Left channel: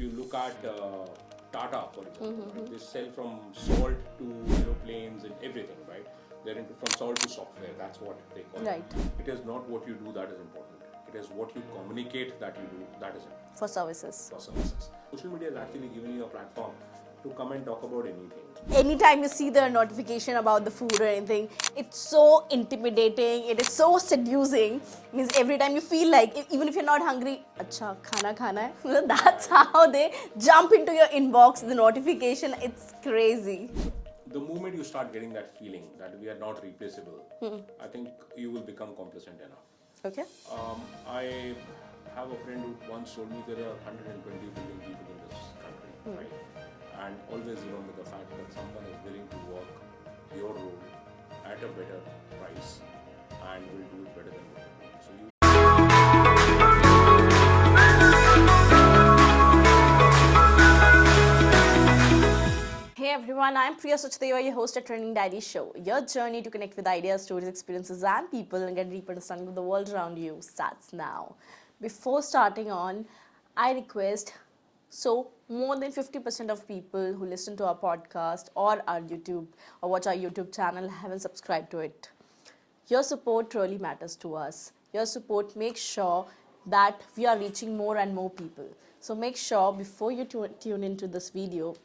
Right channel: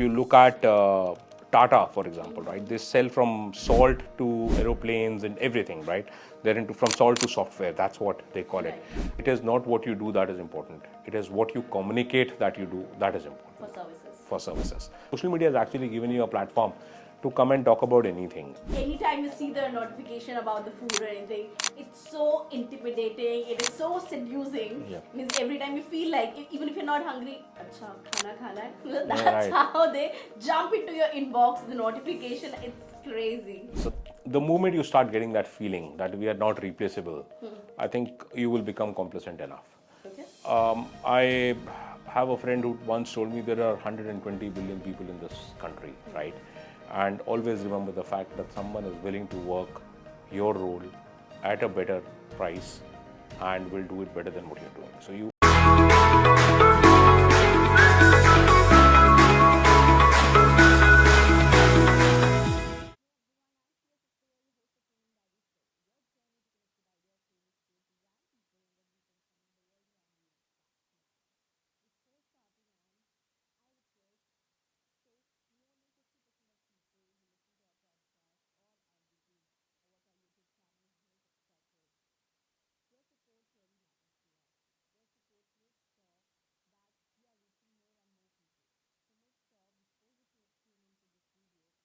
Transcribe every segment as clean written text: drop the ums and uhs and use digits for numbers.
if you look at Tata, for example, right? They sell from salt to aeroplanes and everything, right? They're into from salt to software. That's what they call it. It is not what you do that is important. It is what you communicate that you do that is important. For services. For services. Social media has actually given you a platform to come and talk about anything. Anytime you see the notification about the food or anything, it's so intimidating, it is so seducing. Means every time you feel like, even if you're not hungry, acha, khana hai. That's how they jump into your inbox, the notification, it's crazy. So the moment you start getting that feeling that we are not replaceable, I think you will become complacent enough. Okay. I have a friend who once told me there are 120 billion people in this country, right? And always remember the fact that someone is willing to work your role at a better price and will do it better than what you're doing. So you. Hey everyone, I'm Priya Sachdeva, your host at Trending Diary Show. Your journey to connect with ideas, stories, experiences, and people and get a deeper understanding of the world around you starts now. Before starting on, I request, more than 50% of people who listen to our podcast or our YouTube or watch our YouTube channel haven't subscribed to it. Your support really matters to us. Your support makes sure that we are reaching more and more people. So make sure before you tune into this video,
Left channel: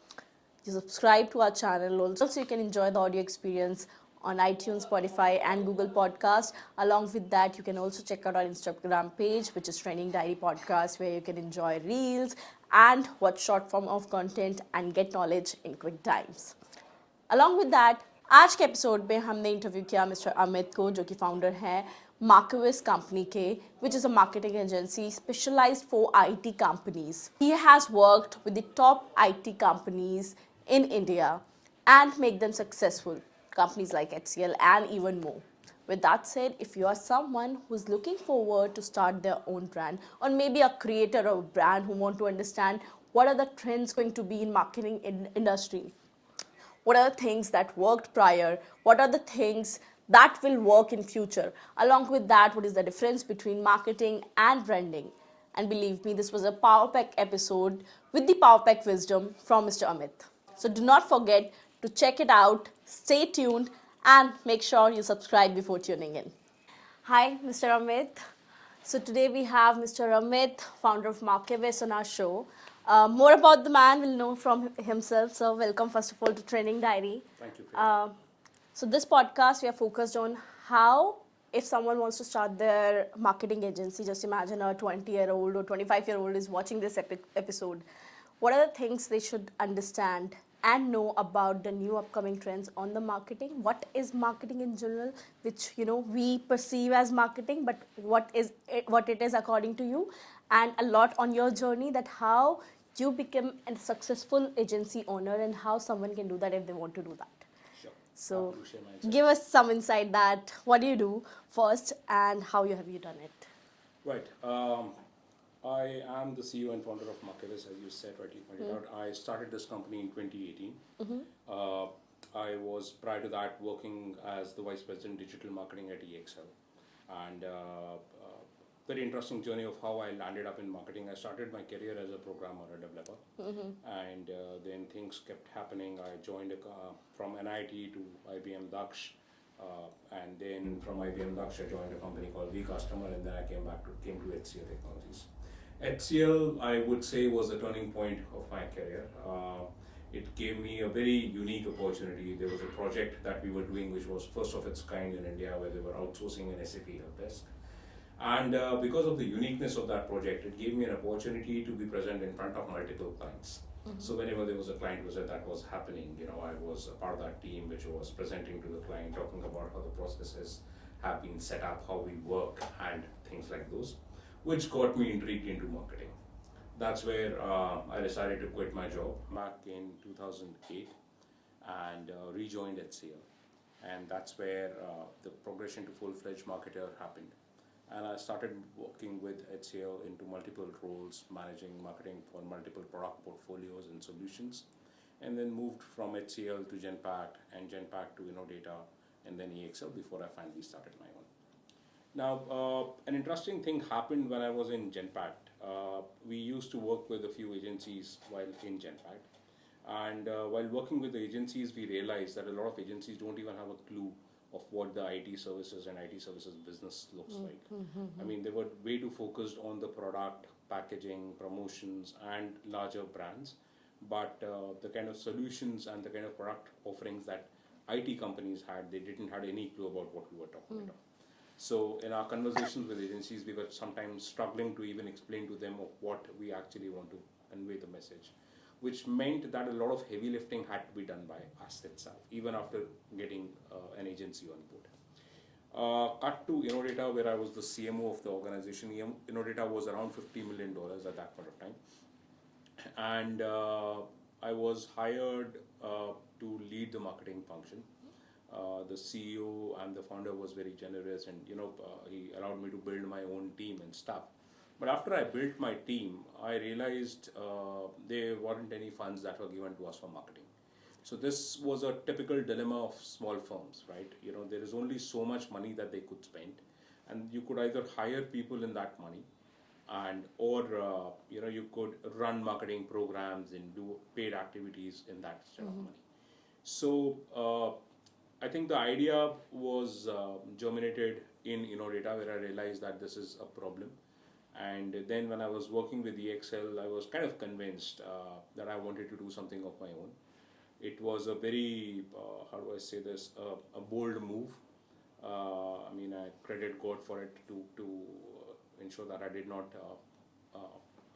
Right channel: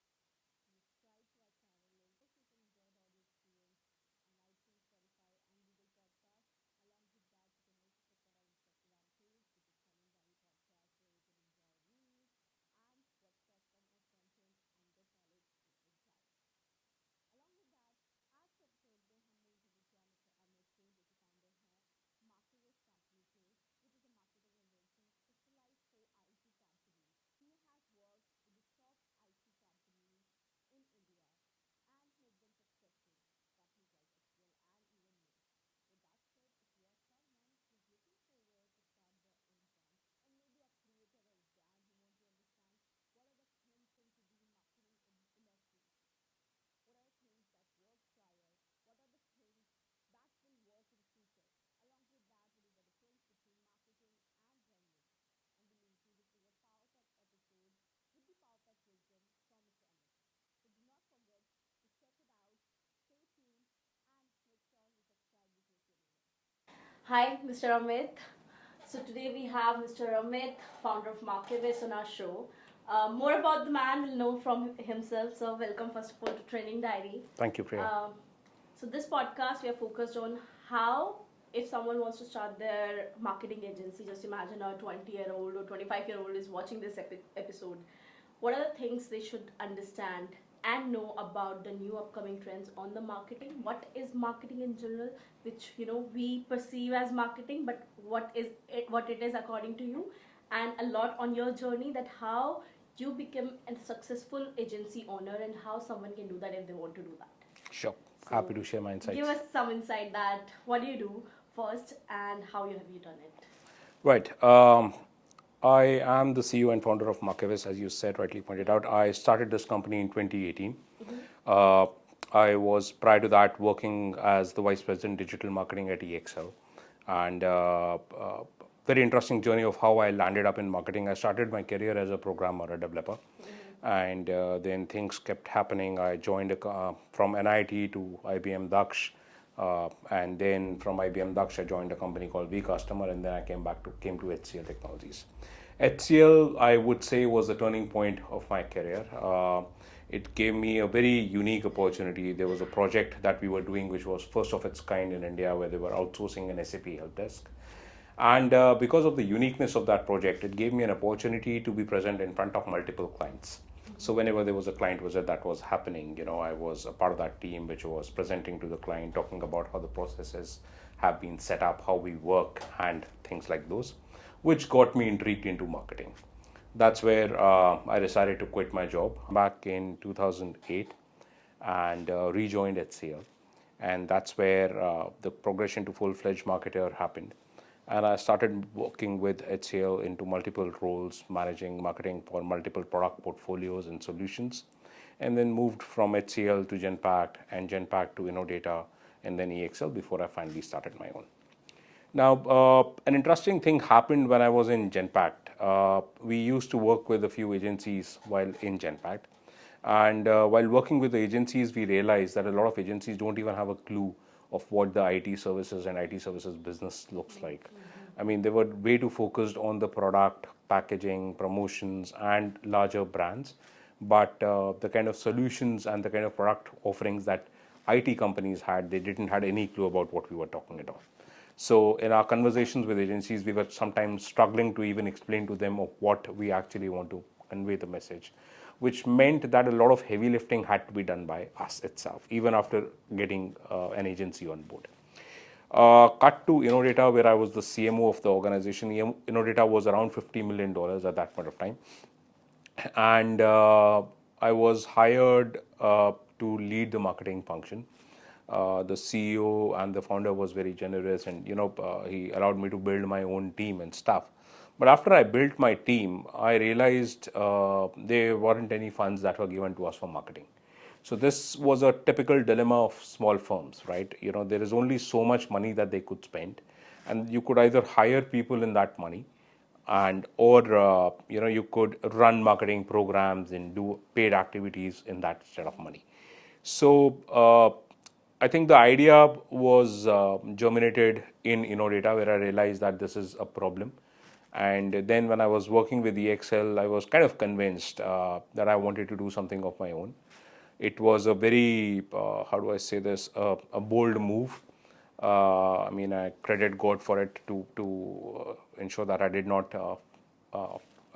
you subscribe to our channel. Also, you can enjoy the audio experience on iTunes, Spotify, and Google Podcast. Along with that, you can also check out our Instagram page, which is Trending Diary Podcast, where you can enjoy reels and watch short form of content and get knowledge in quick times. Along with that, आज के episode में हमने interview किया mister Amit को, जो कि founder हैं मार्किविस company के, which is a marketing agency specialized for IT companies. He has worked with the top IT companies in India and make them successful. Companies like HCL and even more. With that said, if you are someone who's looking forward to start their own brand, or maybe a creator of a brand who want to understand what are the trends going to be in marketing industry, what are the things that worked prior, what are the things that will work in future, along with that, what is the difference between marketing and branding. And believe me, this was a Power Pack episode with the Power Pack wisdom from Mr. Amit. So do not forget to check it out, stay tuned, and make sure you subscribe before tuning in. Hi, Mr. Amit. So today we have Mr. Amit, founder of MARKIVIS, on our show. More about the man we'll know from himself. So welcome first of all to Training Diary. Thank you, Priya. So this podcast we are focused on how, if someone wants to start their marketing agency, just imagine a 20-year-old or 25-year-old is watching this episode. What are the things they should understand and know about the new upcoming trends on the marketing? What is marketing in general, which we perceive as marketing, but what it is according to you, and a lot on your journey, that how you become a successful agency owner and how someone can do that if they want to do that. Sure. So happy to share my insights. Give us some insight that what do you do first and how have you done it? Right. I am the CEO and founder of MARKIVIS, as you said, rightly pointed out. I started this company in 2018. I was, prior to that, working as the Vice President Digital Marketing at EXL. And very interesting journey of how I landed up in marketing. I started my career as a programmer, a developer. And then things kept happening. I joined from NIT to IBM Daksh. And then from IBM Daksh, I joined a company called vCustomer, and then I came to HCL Technologies. HCL, I would say, was the turning point of my career. It gave me a very unique opportunity. There was a project that we were doing which was first of its kind in India, where they were outsourcing an SAP help desk. And because of the uniqueness of that project, it gave me an opportunity to be present in front of multiple clients. So whenever there was a client visit that was happening, I was a part of that team which was presenting to the client, talking about how the processes have been set up, how we work, and things like those, which got me intrigued into marketing. That's where I decided to quit my job back in 2008 and rejoined HCL. And that's where the progression to full-fledged marketer happened. And I started working with HCL into multiple roles, managing marketing for multiple product portfolios and solutions, and then moved from HCL to Genpact and Genpact to Innodata and then EXL before I finally started my own. Now, an interesting thing happened when I was in Genpact. we used to work with a few agencies while in Genpact. And while working with the agencies, we realized that a lot of agencies don't even have a clue of what the IT services and IT services business looks like. I mean, they were way too focused on the product, packaging, promotions, and larger brands. But the kind of solutions and the kind of product offerings that IT companies had, they didn't had any clue about what we were talking about. So in our conversations with agencies, we were sometimes struggling to even explain to them of what we actually want to convey the message, which meant that a lot of heavy lifting had to be done by us itself, even after getting an agency on board. Cut to Innodata, where I was the CMO of the organization. Innodata was around $50 million at that point of time. And I was hired to lead the marketing function. The CEO and the founder was very generous, and he allowed me to build my own team and stuff. But after I built my team, I realized there weren't any funds that were given to us for marketing. So this was a typical dilemma of small firms, right? There is only so much money that they could spend, and you could either hire people in that money, and or you could run marketing programs and do paid activities in that set of money. So I think the idea was germinated in Innodata, where I realized that this is a problem. And then when I was working with EXL, I was kind of convinced that I wanted to do something of my own. It was a very, how do I say this, a bold move. I mean, I credit God for it to ensure that I did not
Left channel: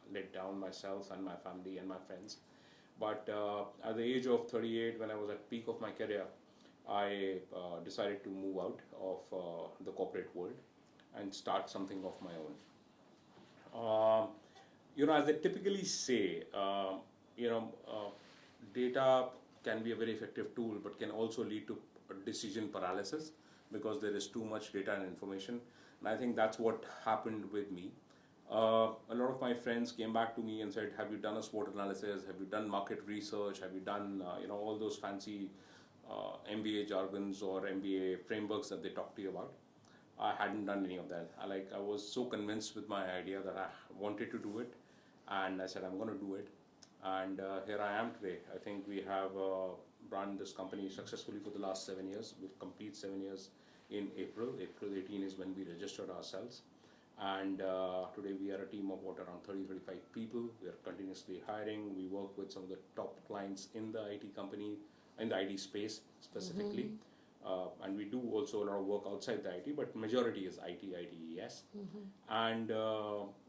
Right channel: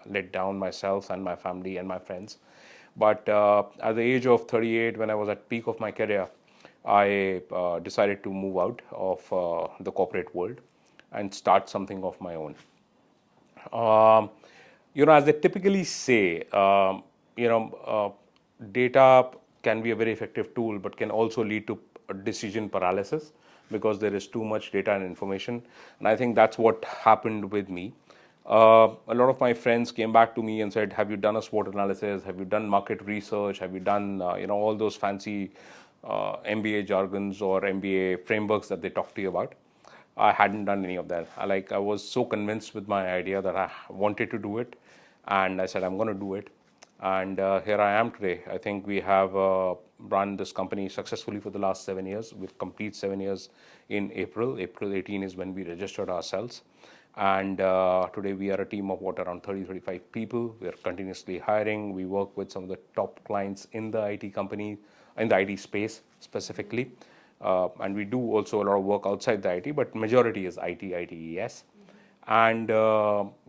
let down myself and my family and my friends. But at the age of 38, when I was at peak of my career, I decided to move out of the corporate world and start something of my own. Um, as they typically say, data can be a very effective tool, but can also lead to decision paralysis because there is too much data and information. And I think that's what happened with me. A lot of my friends came back to me and said, "Have you done a SWOT analysis? Have you done market research? Have you done, all those fancy MBA jargons or MBA frameworks that they talk to you about?" I hadn't done any of that. I was so convinced with my idea that I wanted to do it, and I said I'm going to do it, and here I am today. I think we have run this company successfully for the last 7 years. We'll complete 7 years in April. April 18 is when we registered ourselves, and today we are a team of around 30-35 people. We are continuously hiring. We work with some of the top clients in the IT company, in the IT space specifically. And we do also a lot of work outside the IT, but majority is IT, ITES. And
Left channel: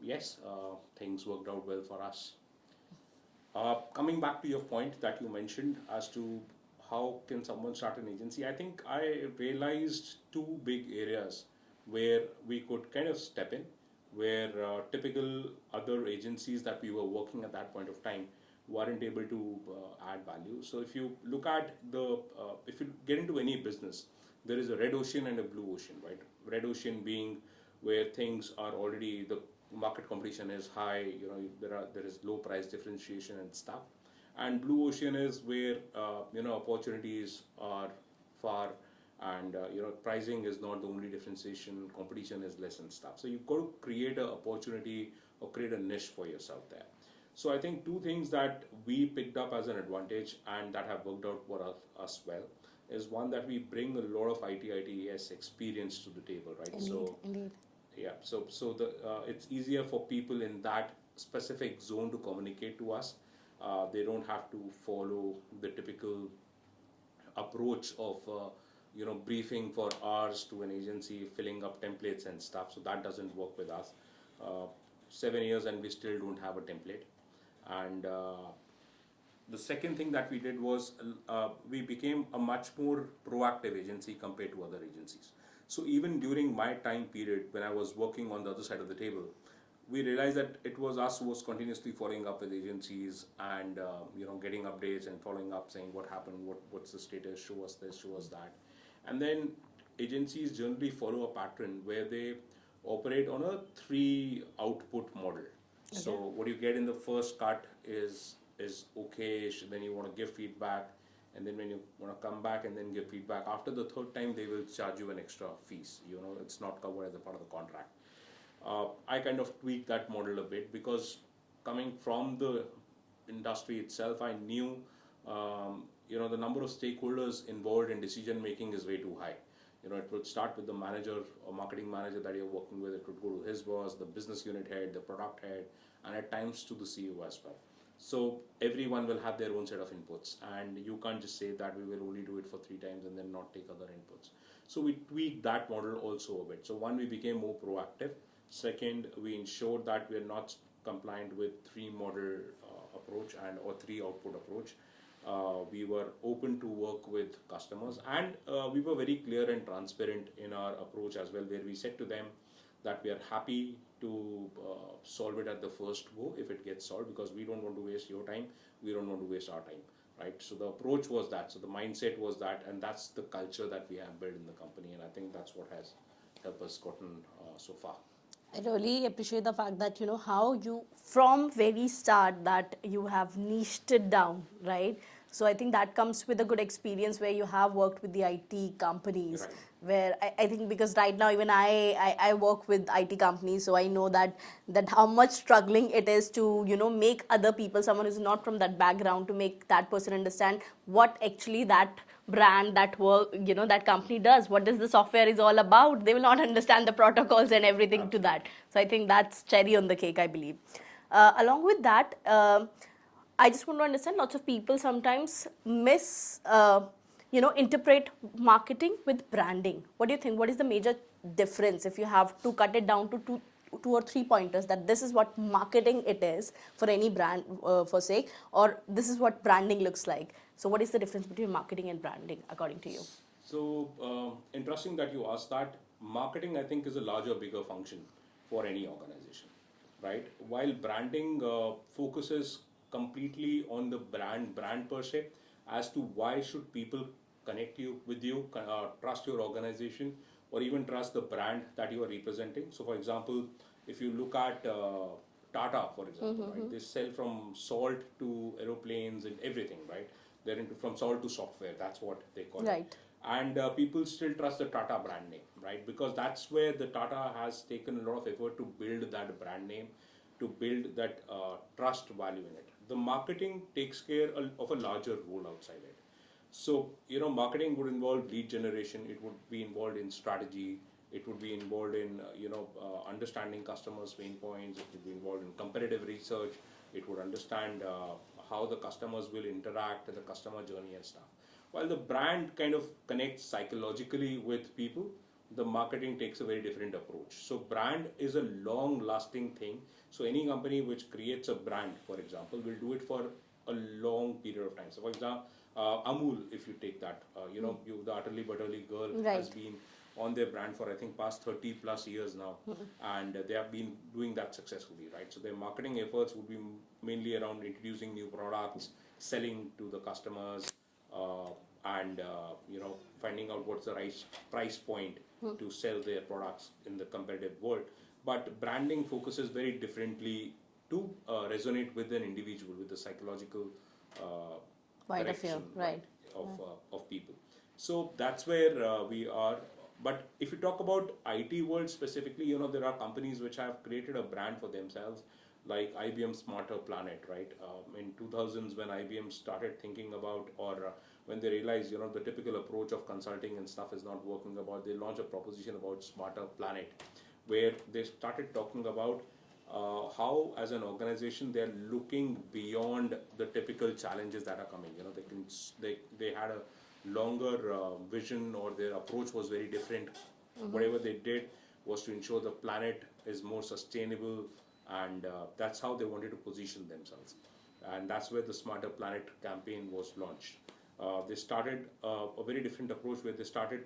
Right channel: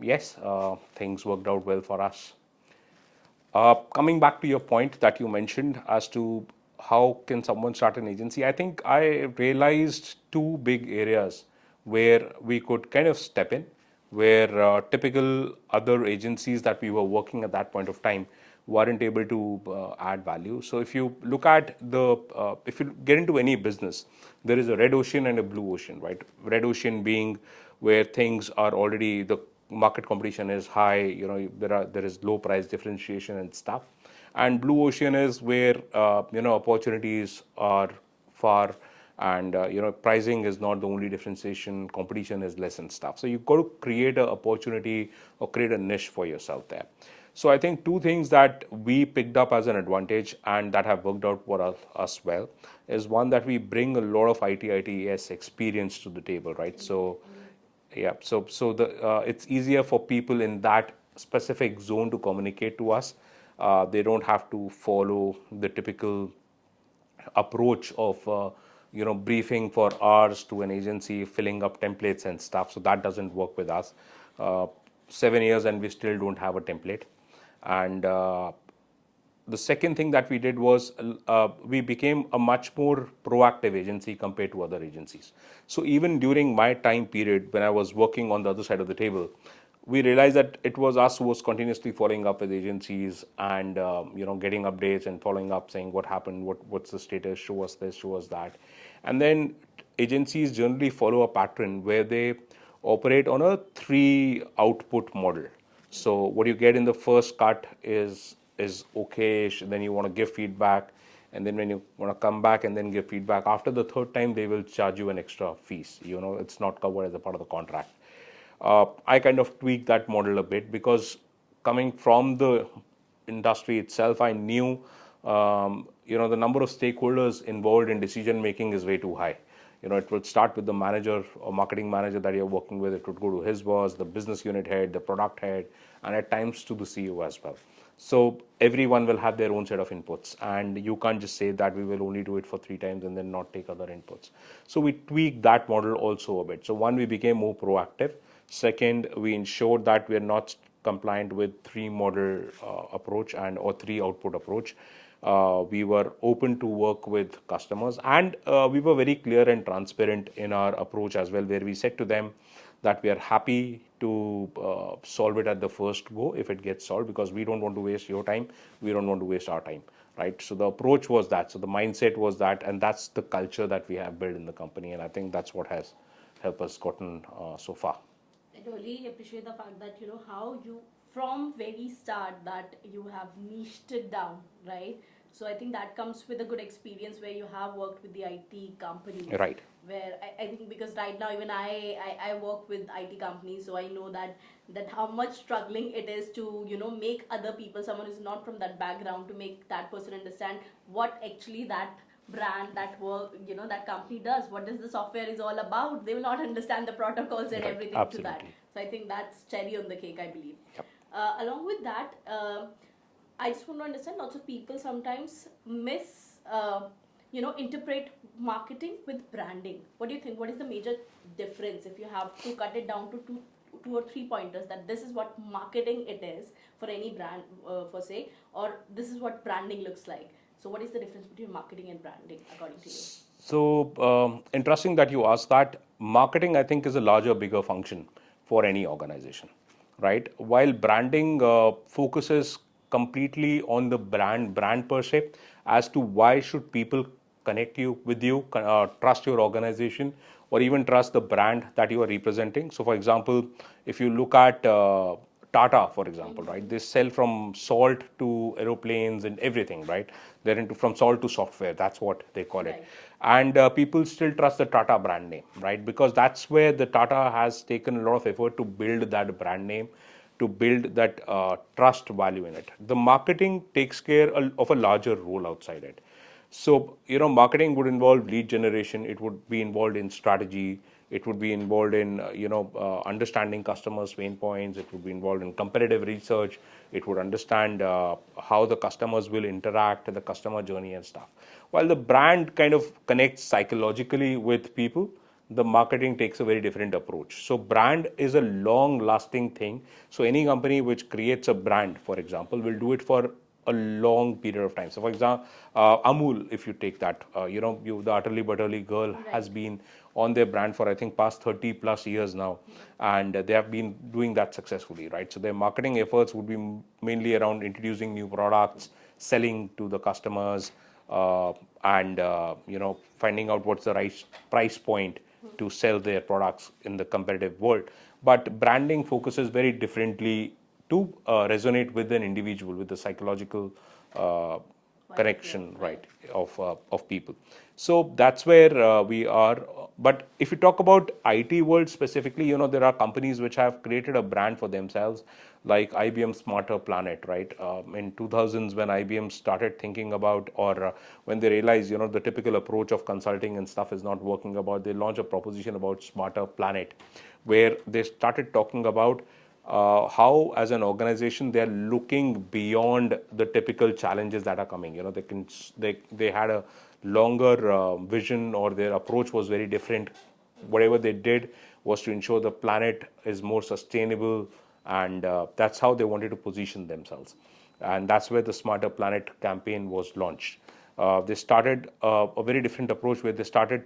yes, things worked out well for us. Coming back to your point that you mentioned as to how can someone start an agency, I think I realized two big areas where we could kind of step in, where typical other agencies that we were working at that point of time weren't able to add value. So if you look at if you get into any business, there is a red ocean and a blue ocean, right? Red ocean being where things are already, the market competition is high, there is low price differentiation and stuff. And blue ocean is where opportunities are far, and pricing is not the only differentiation, competition is less and stuff. So you've got to create an opportunity or create a niche for yourself there. So I think two things that we picked up as an advantage and that have worked out for us well is one, that we bring a lot of ITES experience to the table, right? So yeah, so the it's easier for people in that specific zone to communicate to us. They don't have to follow the typical approach of briefing for hours to an agency, filling up templates and stuff. So that doesn't work with us. 7 years and we still don't have a template. And the second thing that we did was we became a much more proactive agency compared to other agencies. So even during my time period when I was working on the other side of the table, we realized that it was us who was continuously following up with agencies and getting updates and following up, saying what happened, what's the status, show us this, show us that. And then agencies generally follow a pattern where they operate on a 3 output model. So what you get in the first cut is okay, then you want to give feedback, and then when you want to come back and then give feedback, after the third time they will charge you an extra fees. It's not covered as a part of the contract. I kind of tweaked that model a bit because coming from the industry itself, I knew the number of stakeholders involved in decision making is way too high. It would start with the manager or marketing manager that you're working with. It would go to his boss, the business unit head, the product head, and at times to the CEO as well. So everyone will have their own set of inputs, and you can't just say that we will only do it for 3 times and then not take other inputs. So we tweaked that model also a bit. So one, we became more proactive. Second, we ensured that we are not compliant with three model approach and or three output approach. We were open to work with customers, and we were very clear and transparent in our approach as well, where we said to them that we are happy to solve it at the first go if it gets solved, because we don't want to waste your time, we don't want to waste our time, right? So the approach was that, so the mindset was that, and that's the culture that we have built in the company, and I think that's what has helped us gotten so far. I really appreciate the fact that how you from very start that you have niched it down, right? So I think that comes with a good experience where you have worked with the IT companies. Right. Where I think because right now even I work with IT companies, so I know that how much struggling it is to make other people, someone who's not from that background, to make that person understand what actually that brand, that work, that company does, what is the software is all about. They will not understand the protocols and Right, everything to that. absolutely. So I think that's cherry on the cake, I believe. Along with that, I just want to understand, lots of people sometimes interpret marketing with branding. What do you think? What is the major difference if you have to cut it down to two or three pointers, that this is what marketing it is for any brand, for sake, or this is what branding looks like? So what is the difference between marketing and branding according to you? So interesting that you asked that. Marketing, I think, is a larger, bigger function for any organization, right? While branding focuses completely on the brand per se, as to why should people connect you with you, trust your organization, or even trust the brand that you are representing. So, for example, if you look at Tata, for example, right? They sell from salt to aeroplanes and everything, right? They're into from salt to software. That's what they call it. Right. And people still trust the Tata brand name, right? Because that's where the Tata has taken a lot of effort to build that brand name, to build that trust value in it. The marketing takes care of a larger role outside it. So, marketing would involve lead generation, it would be involved in strategy, it would be involved in, understanding customers' pain points, it would be involved in competitive research, it would understand how the customers will interact, the customer journey and stuff. While the brand kind of connects psychologically with people, the marketing takes a very different approach. So brand is a long lasting thing. So any company which creates a brand, for example, will do it for a long period of time. So for example, Amul, if you take that, the Utterly Butterly girl has Right. been on their brand for, I think, past 30 plus years now, and they have been doing that successfully, right? So their marketing efforts would be mainly around introducing new products, selling to the customers, and finding out what's the right price point to sell their products in the competitive world. But branding focuses very differently to resonate with an individual, with the psychological Point of view, connection, right. right, of people. So that's where we are. But if you talk about IT world specifically, there are companies which have created a brand for themselves, like IBM Smarter Planet, right? In 2000s, when IBM started thinking about, or when they realized, the typical approach of consulting and stuff is not working about, they launched a proposition about Smarter Planet, where they started talking about how, as an organization, they're looking beyond the typical challenges that are coming. They had a longer vision, or their approach was very different. Whatever they did was to ensure the planet is more sustainable, and that's how they wanted to position themselves. And that's where the Smarter Planet campaign was launched. They started a very different approach, where they started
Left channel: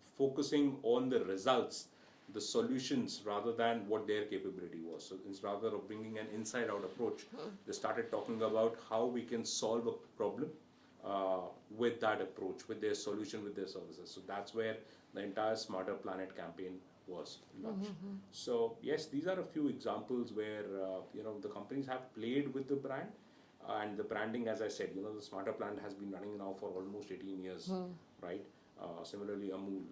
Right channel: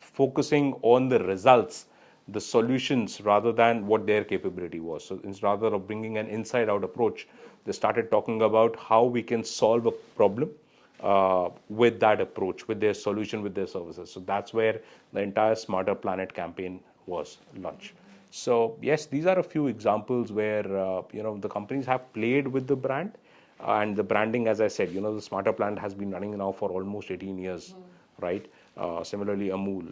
focusing on the results, the solutions, rather than what their capability was. So rather of bringing an inside out approach, they started talking about how we can solve a problem with that approach, with their solution, with their services. So that's where the entire Smarter Planet campaign was launched. So yes, these are a few examples where the companies have played with the brand, and the branding, as I said, the Smarter Planet has been running now for almost 18 years, right? Similarly, Amul.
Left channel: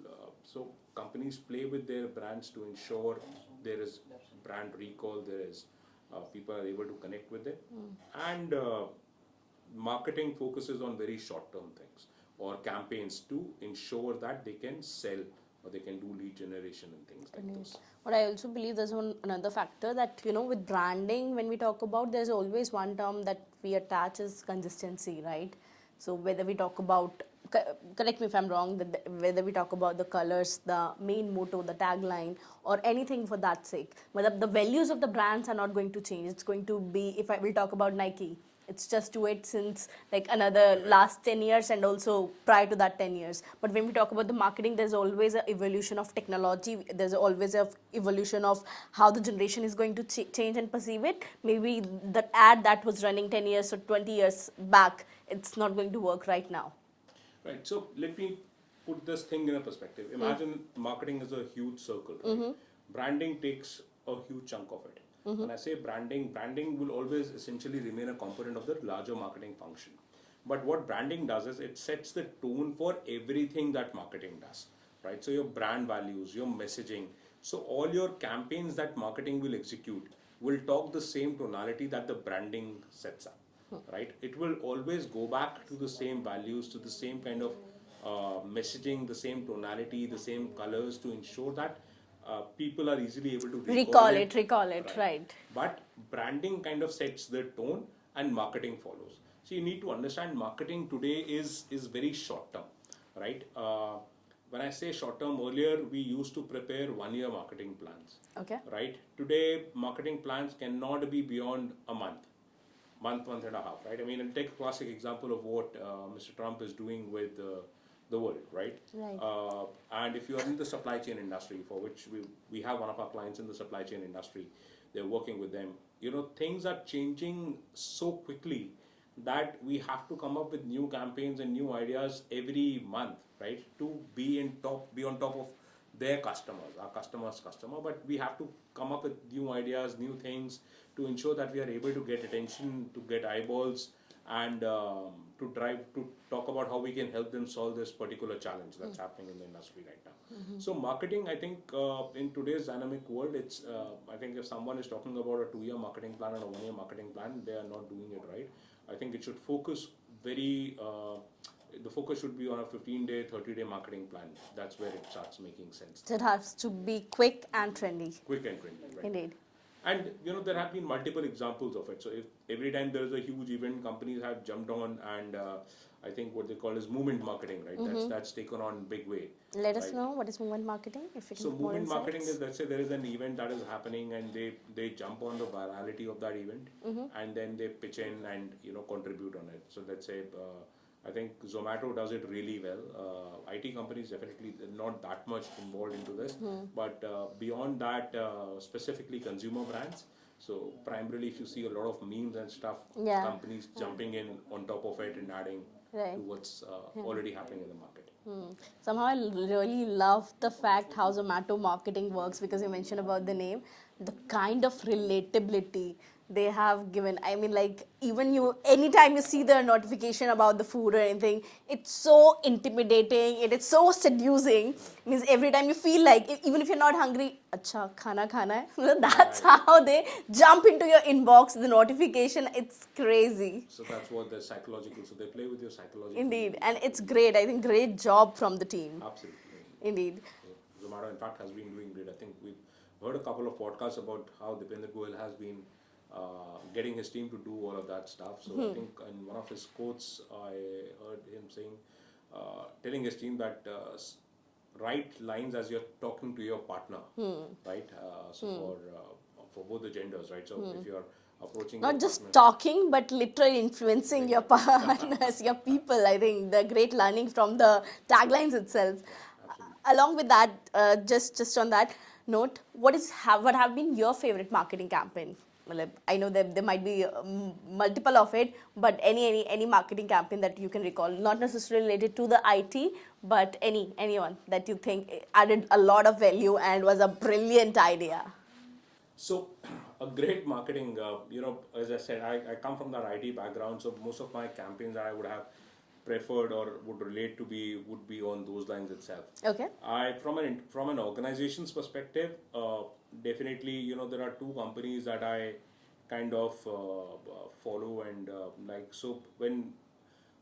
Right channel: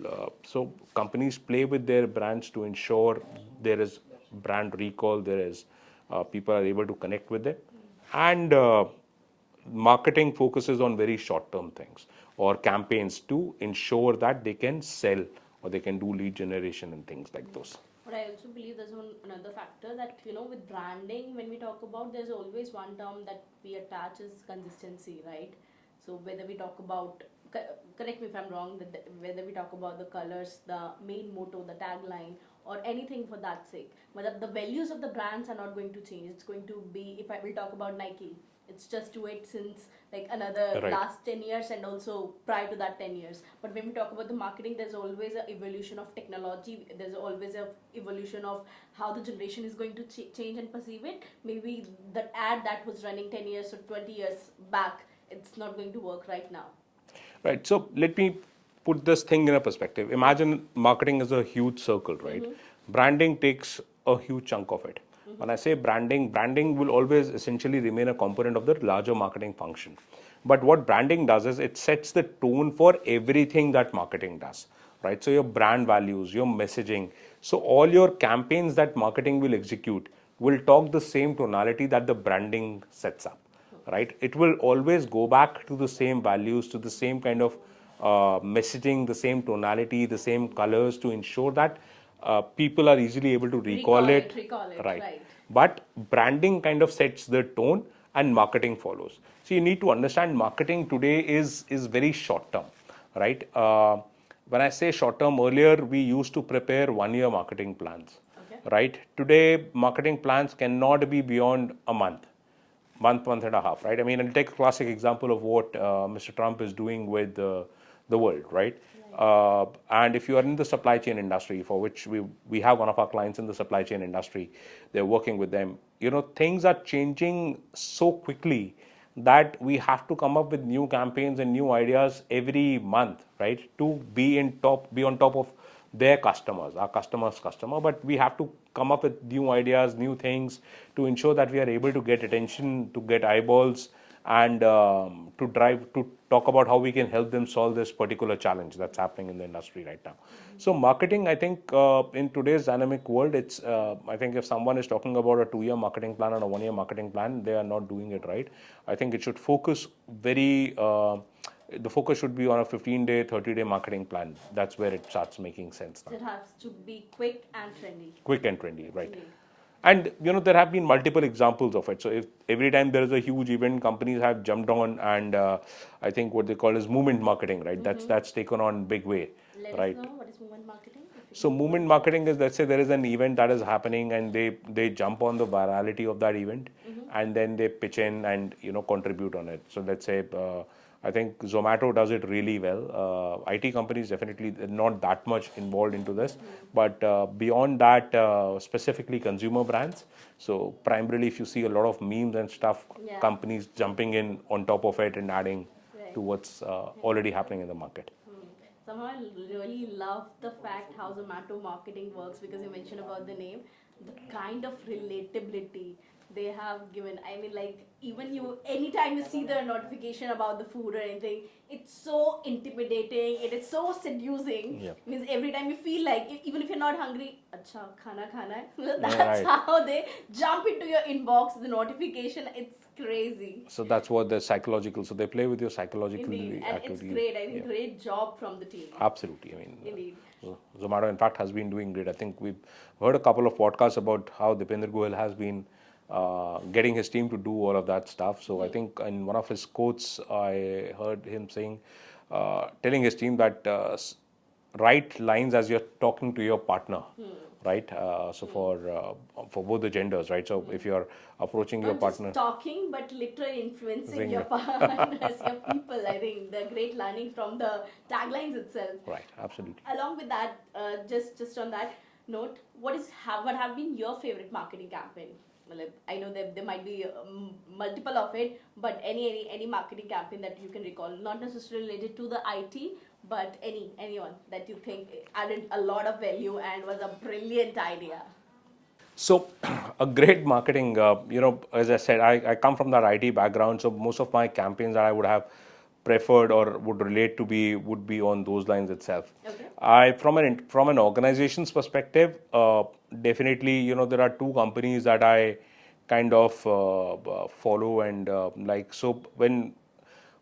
So companies play with their brands to ensure there is brand recall, there is people are able to connect with it, and marketing focuses on very short-term things or campaigns to ensure that they can sell or they can do lead generation and things like those. But I also believe there's another factor that, with branding, when we talk about, there's always one term that we attach is consistency, right? So whether we talk about, correct me if I'm wrong, whether we talk about the colors, the main motto, the tagline, or anything for that sake, but the values of the brands are not going to change. It's going to be, if I will talk about Nike, it's just do it since like another Right. last 10 years and also prior to that 10 years. But when we talk about the marketing, there's always an evolution of technology, there's always a evolution of how the generation is going to change and perceive it. Maybe the ad that was running 10 years or 20 years back, it's not going to work right now. Right. So let me put this thing in a perspective. Imagine marketing is a huge circle, right? Branding takes a huge chunk of it. When I say branding, branding will always essentially remain a component of the larger marketing function. But what branding does is it sets the tone for everything that marketing does, right? So your brand values, your messaging. So all your campaigns that marketing will execute will talk the same tonality that the branding sets up, right? It will always go back to the same values, to the same kind of messaging, the same tonality, the same colors to ensure that people are easily able to recall it. Recall it, right. But branding kind of sets the tone and marketing follows. So you need to understand marketing today is very short term, right? When I say short term, earlier we used to prepare 1 year marketing plans, Okay. right? Today marketing plans cannot be beyond a month and a half, right? I mean, I'll take a classic example of what Mr. Trump is doing with the world, right? And if you are in the supply chain industry, for which we have one of our clients in the supply chain industry, they're working with them. Things are changing so quickly that we have to come up with new campaigns and new ideas every month, right? To be on top of their customers, our customer's customer, but we have to come up with new ideas, new things to ensure that we are able to get attention, to get eyeballs, and to talk about how we can help them solve this particular challenge that's happening in the industry right now. So marketing, I think in today's dynamic world, it's I think if someone is talking about a 2 year marketing plan and a 1 year marketing plan, they are not doing it right. I think it should focus the focus should be on a 15-day, 30-day marketing plan. That's where it starts making sense. So it has to be quick and trendy. Quick and trendy, right? Indeed. And there have been multiple examples of it. So if every time there is a huge event, companies have jumped on, and I think what they call is movement marketing, right? That's taken on big way. Let right? us know what is movement marketing. So movement marketing is, let's say there is an event that is happening, and they jump on the virality of that event, and then they pitch in and contribute on it. So let's say I think Zomato does it really well. IT companies definitely not that much involved into this, but beyond that, specifically consumer brands. So primarily, if you see a lot of memes and stuff, companies jumping in on top of it and adding to what's already happening in the market. Somehow I really love the fact how Zomato marketing works, because you mentioned about the name, the kind of relatability they have given. I mean, like, even anytime you see the notification about the food or anything, it's so intimidating, it is so seducing. Means every time you feel like, even if you're not hungry, acha, khana hai. That's how they jump into your inbox, the notification, it's crazy. So that's what the psychological, so they play with your psychological. Indeed, and it's great. I think great job from the team. Absolutely. I mean, Indeed. Zomato, in fact, has been doing great. I think we've heard a couple of podcasts about how Dipender Goyal has been getting his team to do all of that stuff. So I think in one of his quotes, I heard him saying, telling his team that write lines as you're talking to your partner, right? So for both the genders, right? So if you're approaching not your partner, just talking, but literally influencing your partners, your people. I think the great learning from the taglines itself. right? Absolutely. Along with that, just on that note, what have been your favorite marketing campaign? I know that there might be multiple of it, but any marketing campaign that you can recall, not necessarily related to the IT, but anyone that you think added a lot of value and was a brilliant idea. So, a great marketing, as I said, I come from that IT background, so most of my campaigns that I would have preferred or would relate to would be on those lines itself. Okay. From an organization's perspective, definitely, there are two companies that I kind of follow and like. So when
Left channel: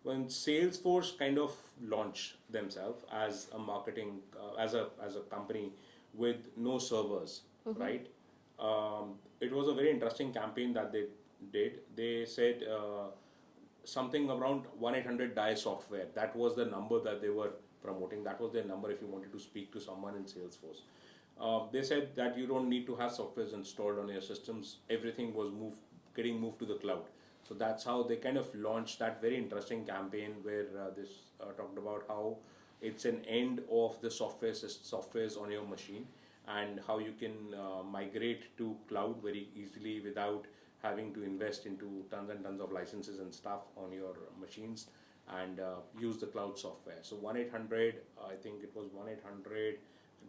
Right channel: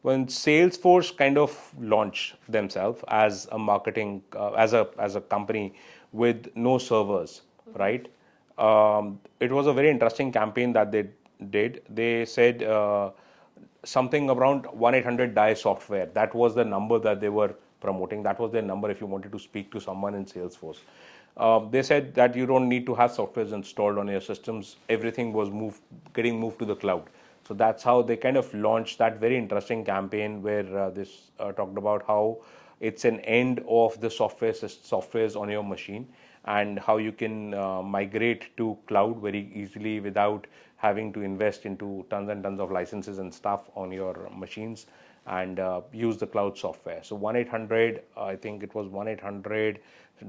Salesforce kind of launched themselves as a marketing as a company with no servers, right? It was a very interesting campaign that they did. They said something around 1-800 die software. That was the number that they were promoting. That was their number if you wanted to speak to someone in Salesforce. They said that you don't need to have softwares installed on your systems. Everything was getting moved to the cloud. So that's how they kind of launched that very interesting campaign where this talked about how it's an end of the softwares on your machine, and how you can migrate to cloud very easily without having to invest into tons and tons of licenses and stuff on your machines, and use the cloud software. So 1-800, I think it was 1-800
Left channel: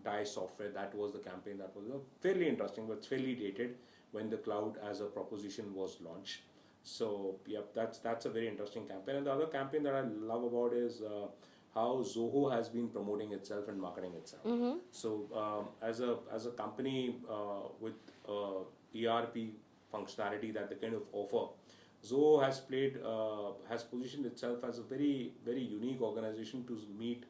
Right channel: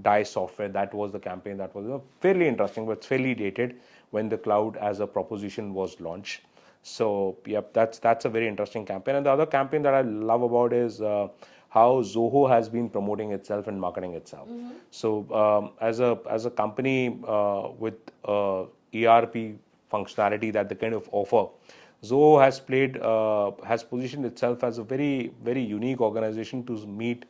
die software. That was the campaign. That was fairly interesting, but it's fairly dated when the cloud as a proposition was launched. So yep, that's a very interesting campaign. And the other campaign that I love about is how Zoho has been promoting itself and marketing itself. So as a company with ERP functionality that they kind of offer, Zoho has positioned itself as a very very unique organization to meet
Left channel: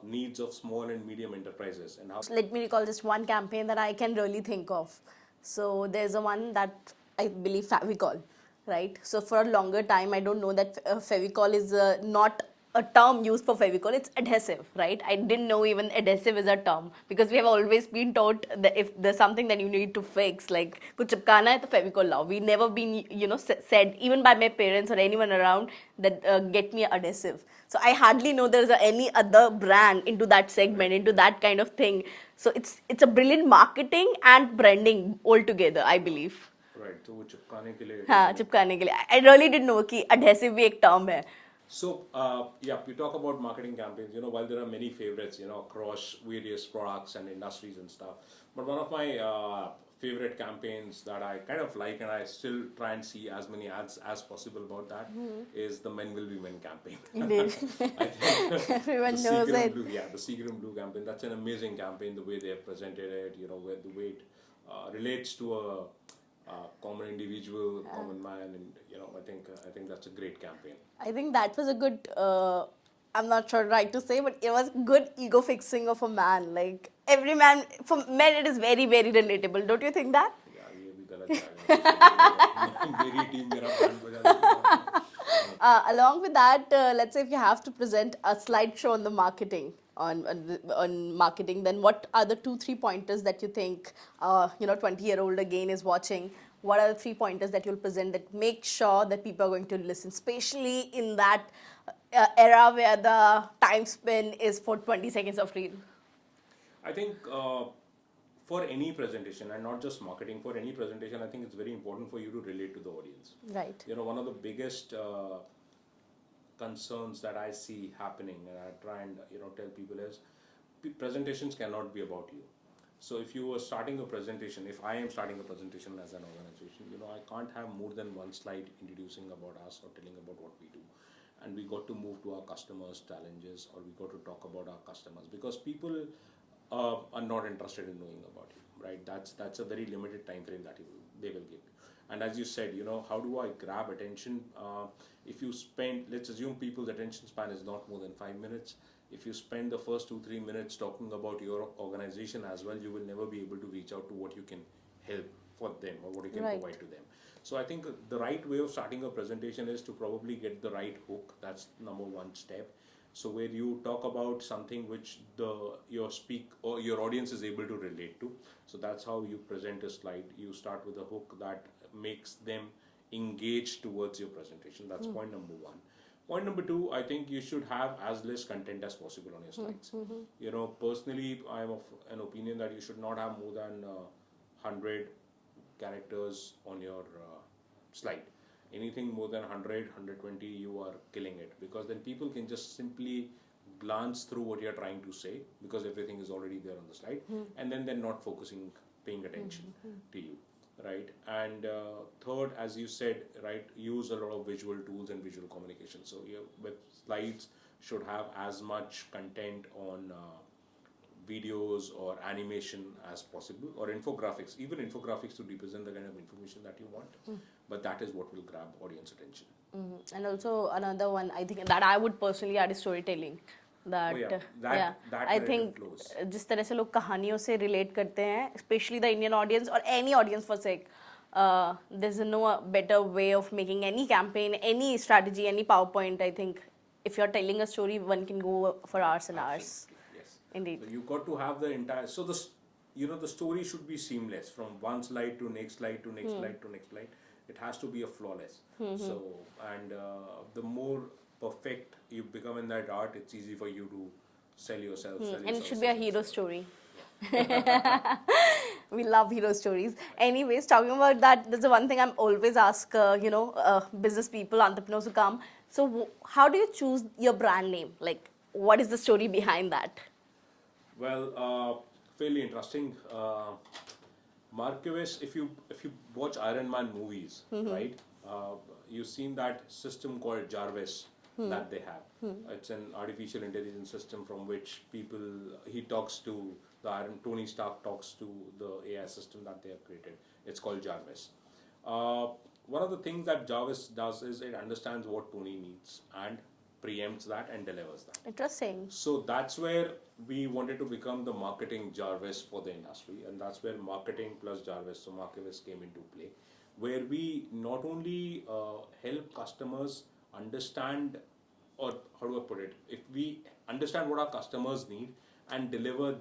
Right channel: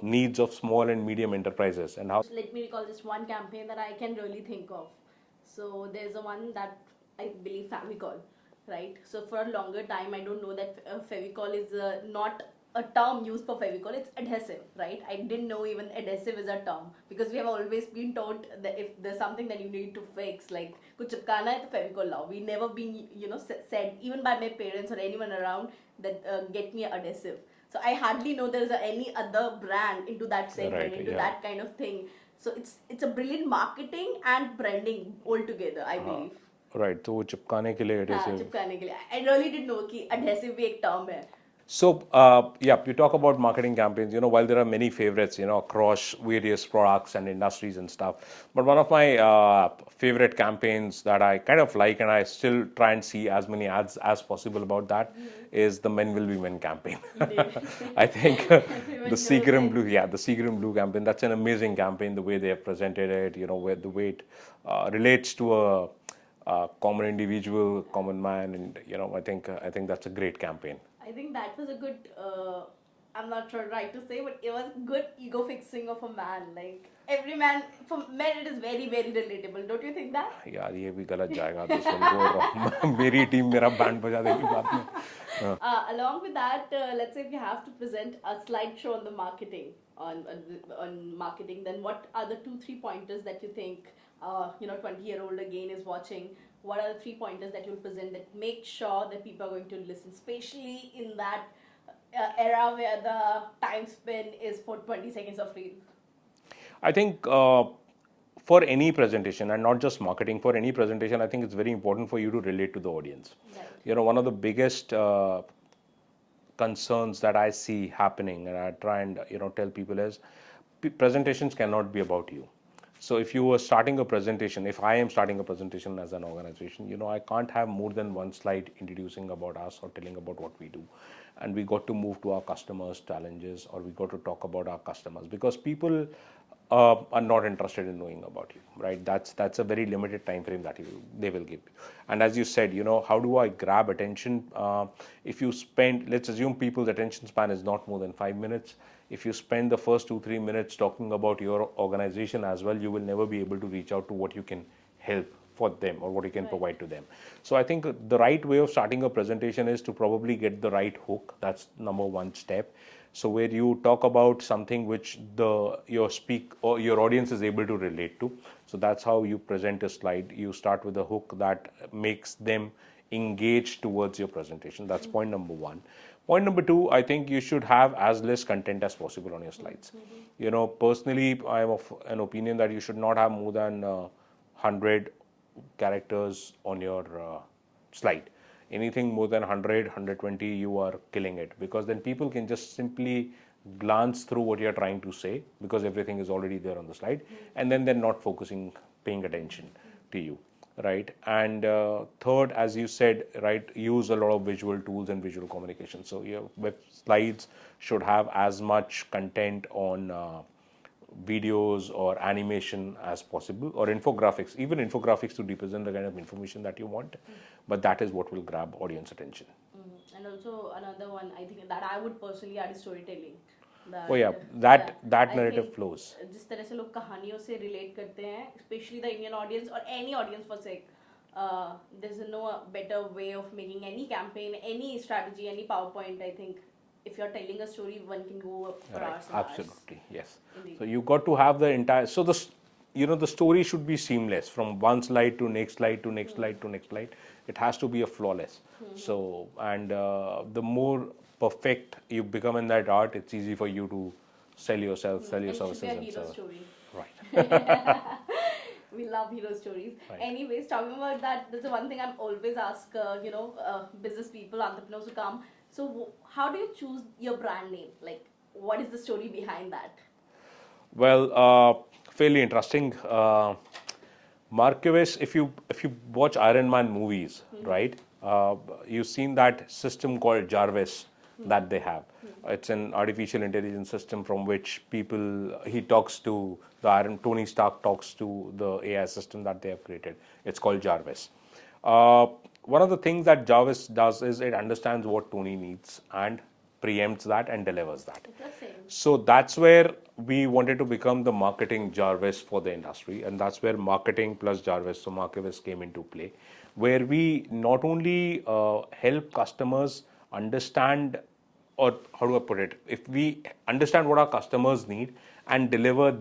needs of small and medium enterprises. And how Let me recall just one campaign that I can really think of. So there's a one that I believe Favicol, right? So for a longer time, I don't know that Favicol is not a term used for Favicol. It's adhesive, right? I didn't know even adhesive is a term, because we have always been taught that if there's something that you need to fix, like kuch chipkana hai to Favicol lao. We never been said even by my parents or anyone around that get me adhesive. So I hardly know there's any other brand into that segment, right, into yeah. that kind of thing. So it's a brilliant marketing and branding altogether, I believe. Right, तो वो चिपकाने के लिए हाँ adhesive. चिपकाने के लिए I really didn't know कि adhesive भी एक term है. So, yeah, you talk about marketing campaigns, while there are many favorites, across various products and industries and stuff. But one of my favorite campaigns that I kind of like, and I still try and see as many ads as possible about that, is the Men Will Be Men campaign. Indeed. I think Everyone the knows Seagram it. Blue, yeah, the Seagram Blue campaign, that's an amazing campaign, the way they have presented it, where the way it relates to a common individual, common man, and I think that's a great campaign. I think that was a good, I'm not sure right to say, but it was good ego fixing of a man. Like every man, for men, it is very, very relatable. Don't you think that? यार ये भी गलत जाएगा तो सुन मेरी team मेरा band बजा देगी बाद में. Along with that, let's say if you have to present a slideshow on the marketing, on marketing, then what are the 2-3 pointers that you think 20-year-old again is watching? What are the 3 pointers that you'll present that make sure that people are going to listen, especially in that era where the time span is for 20 seconds of reel? I think for any presentation, and not just marketing, for any presentation, I think it's very important for you to relate to the audience. Right. One of the biggest concerns that I see happening, and I try and tell people is presentations cannot be about you. So if you were starting a presentation, if I am starting a presentation as an organization, I can't have more than one slide introducing about us or telling about what we do. And we got to move to our customers' challenges, or we got to talk about our customers, because people are not interested in knowing about you, right? That's a very limited time frame that they will give you. And as you said, how do I grab attention? If you spend, let's assume people's attention span is not more than 5 minutes. If you spend the first 2-3 minutes talking about your organization as well, you will never be able to reach out to what you can help for them or what you can Right. provide to them. So I think the right way of starting a presentation is to probably get the right hook. That's number one step. So where you talk about something which your audience is able to relate to. So that's how you present a slide. You start with a hook that makes them engage towards your presentation. That's point number one. Point number two, I think you should have as less content as possible on your slides. Personally, I am of an opinion that you should not have more than 100 characters on your slide. Anything more than 100, 120, you are killing it, because then people can just simply glance through what you're trying to say, because everything is already there on the slide, and then they're not paying attention to you, right? And third, as you said, right, use a lot of visual tools and visual communication. So your web slides should have as much content on videos or animation as possible, or infographics, even infographics to represent the kind of information that you want. But that is what will grab audience attention. And also another one, I think that I would personally add is storytelling. Oh That yeah, yeah, that I narrative think flows. जिस तरह से लोग कहानियों से relate करते हैं, especially the Indian audience or any audience for sake, there's no better way of making any campaign, any strategy, any PowerPoint. I think if you're telling a story, one can go for Right, hours and hours. absolutely, yes. Indeed. So you got to have the entire. So the story should be seamless from one slide to next slide to next slide to next slide. It has to be a flawless. So and the more perfect you become in that art, it's easy for you to sell yourself, sell your And it should be a services, and hero sell. story. Right. We love hero stories. Anyways, talking about that, there's one thing I'm always ask, business people, entrepreneurs who come. So, how do you choose your brand name? Like, what is the story behind that? Well, fairly interesting. Markivis, if you watch Iron Man movies, right? You've seen that system called Jarvis that they have. It's an artificial intelligence system from which he talks to Tony Stark talks to the AI system that they have created. It's called Jarvis. Uh, One of the things that Jarvis does is it understands what Tony needs and preempts that and delivers that. Interesting. So that's where we wanted to become the marketing Jarvis for the industry, and that's where marketing plus Jarvis, so Markivis, came into play, where we not only help customers understand, or how do I put it, if we understand what our customers need and deliver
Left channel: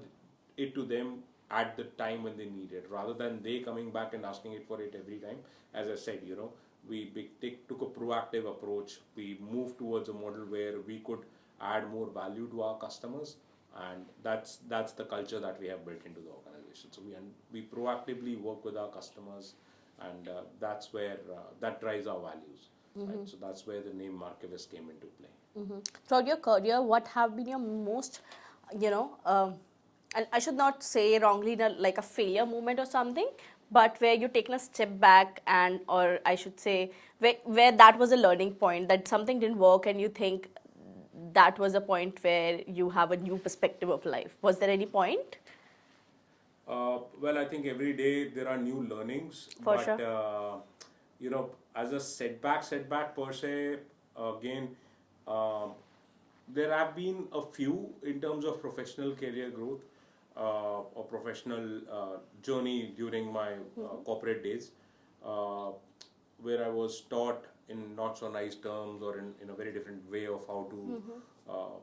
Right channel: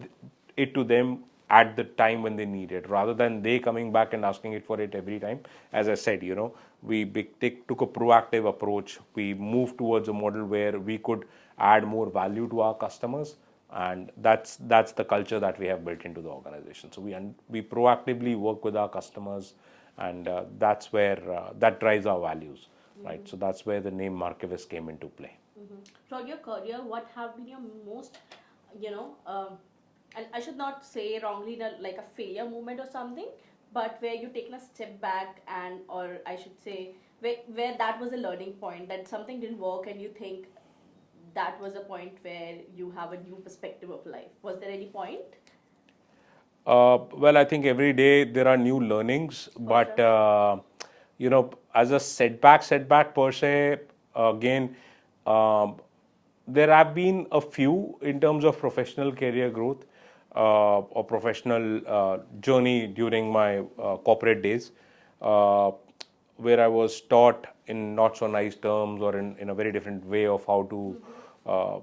it to them at the time when they need it, rather than they coming back and asking it for it every time. As I said, took a proactive approach. We moved towards a model where we could add more value to our customers, and that's the culture that we have built into the organization. So we proactively work with our customers, and that's where that drives our values, right? So that's where the name Markivis came into play. Throughout your career, what have been your most, and I should not say wrongly like a failure moment or something, but where you taken a step back and, or I should say, where that was a learning point, that something didn't work and you think that was a point where you have a new perspective of life. Was there any point? Well, I think every day there are new learnings, For but sure. as a setback per se, again, um, there have been a few in terms of professional career growth or professional journey during my corporate days, uh, where I was taught in not so nice terms or in a very different way of how to uh,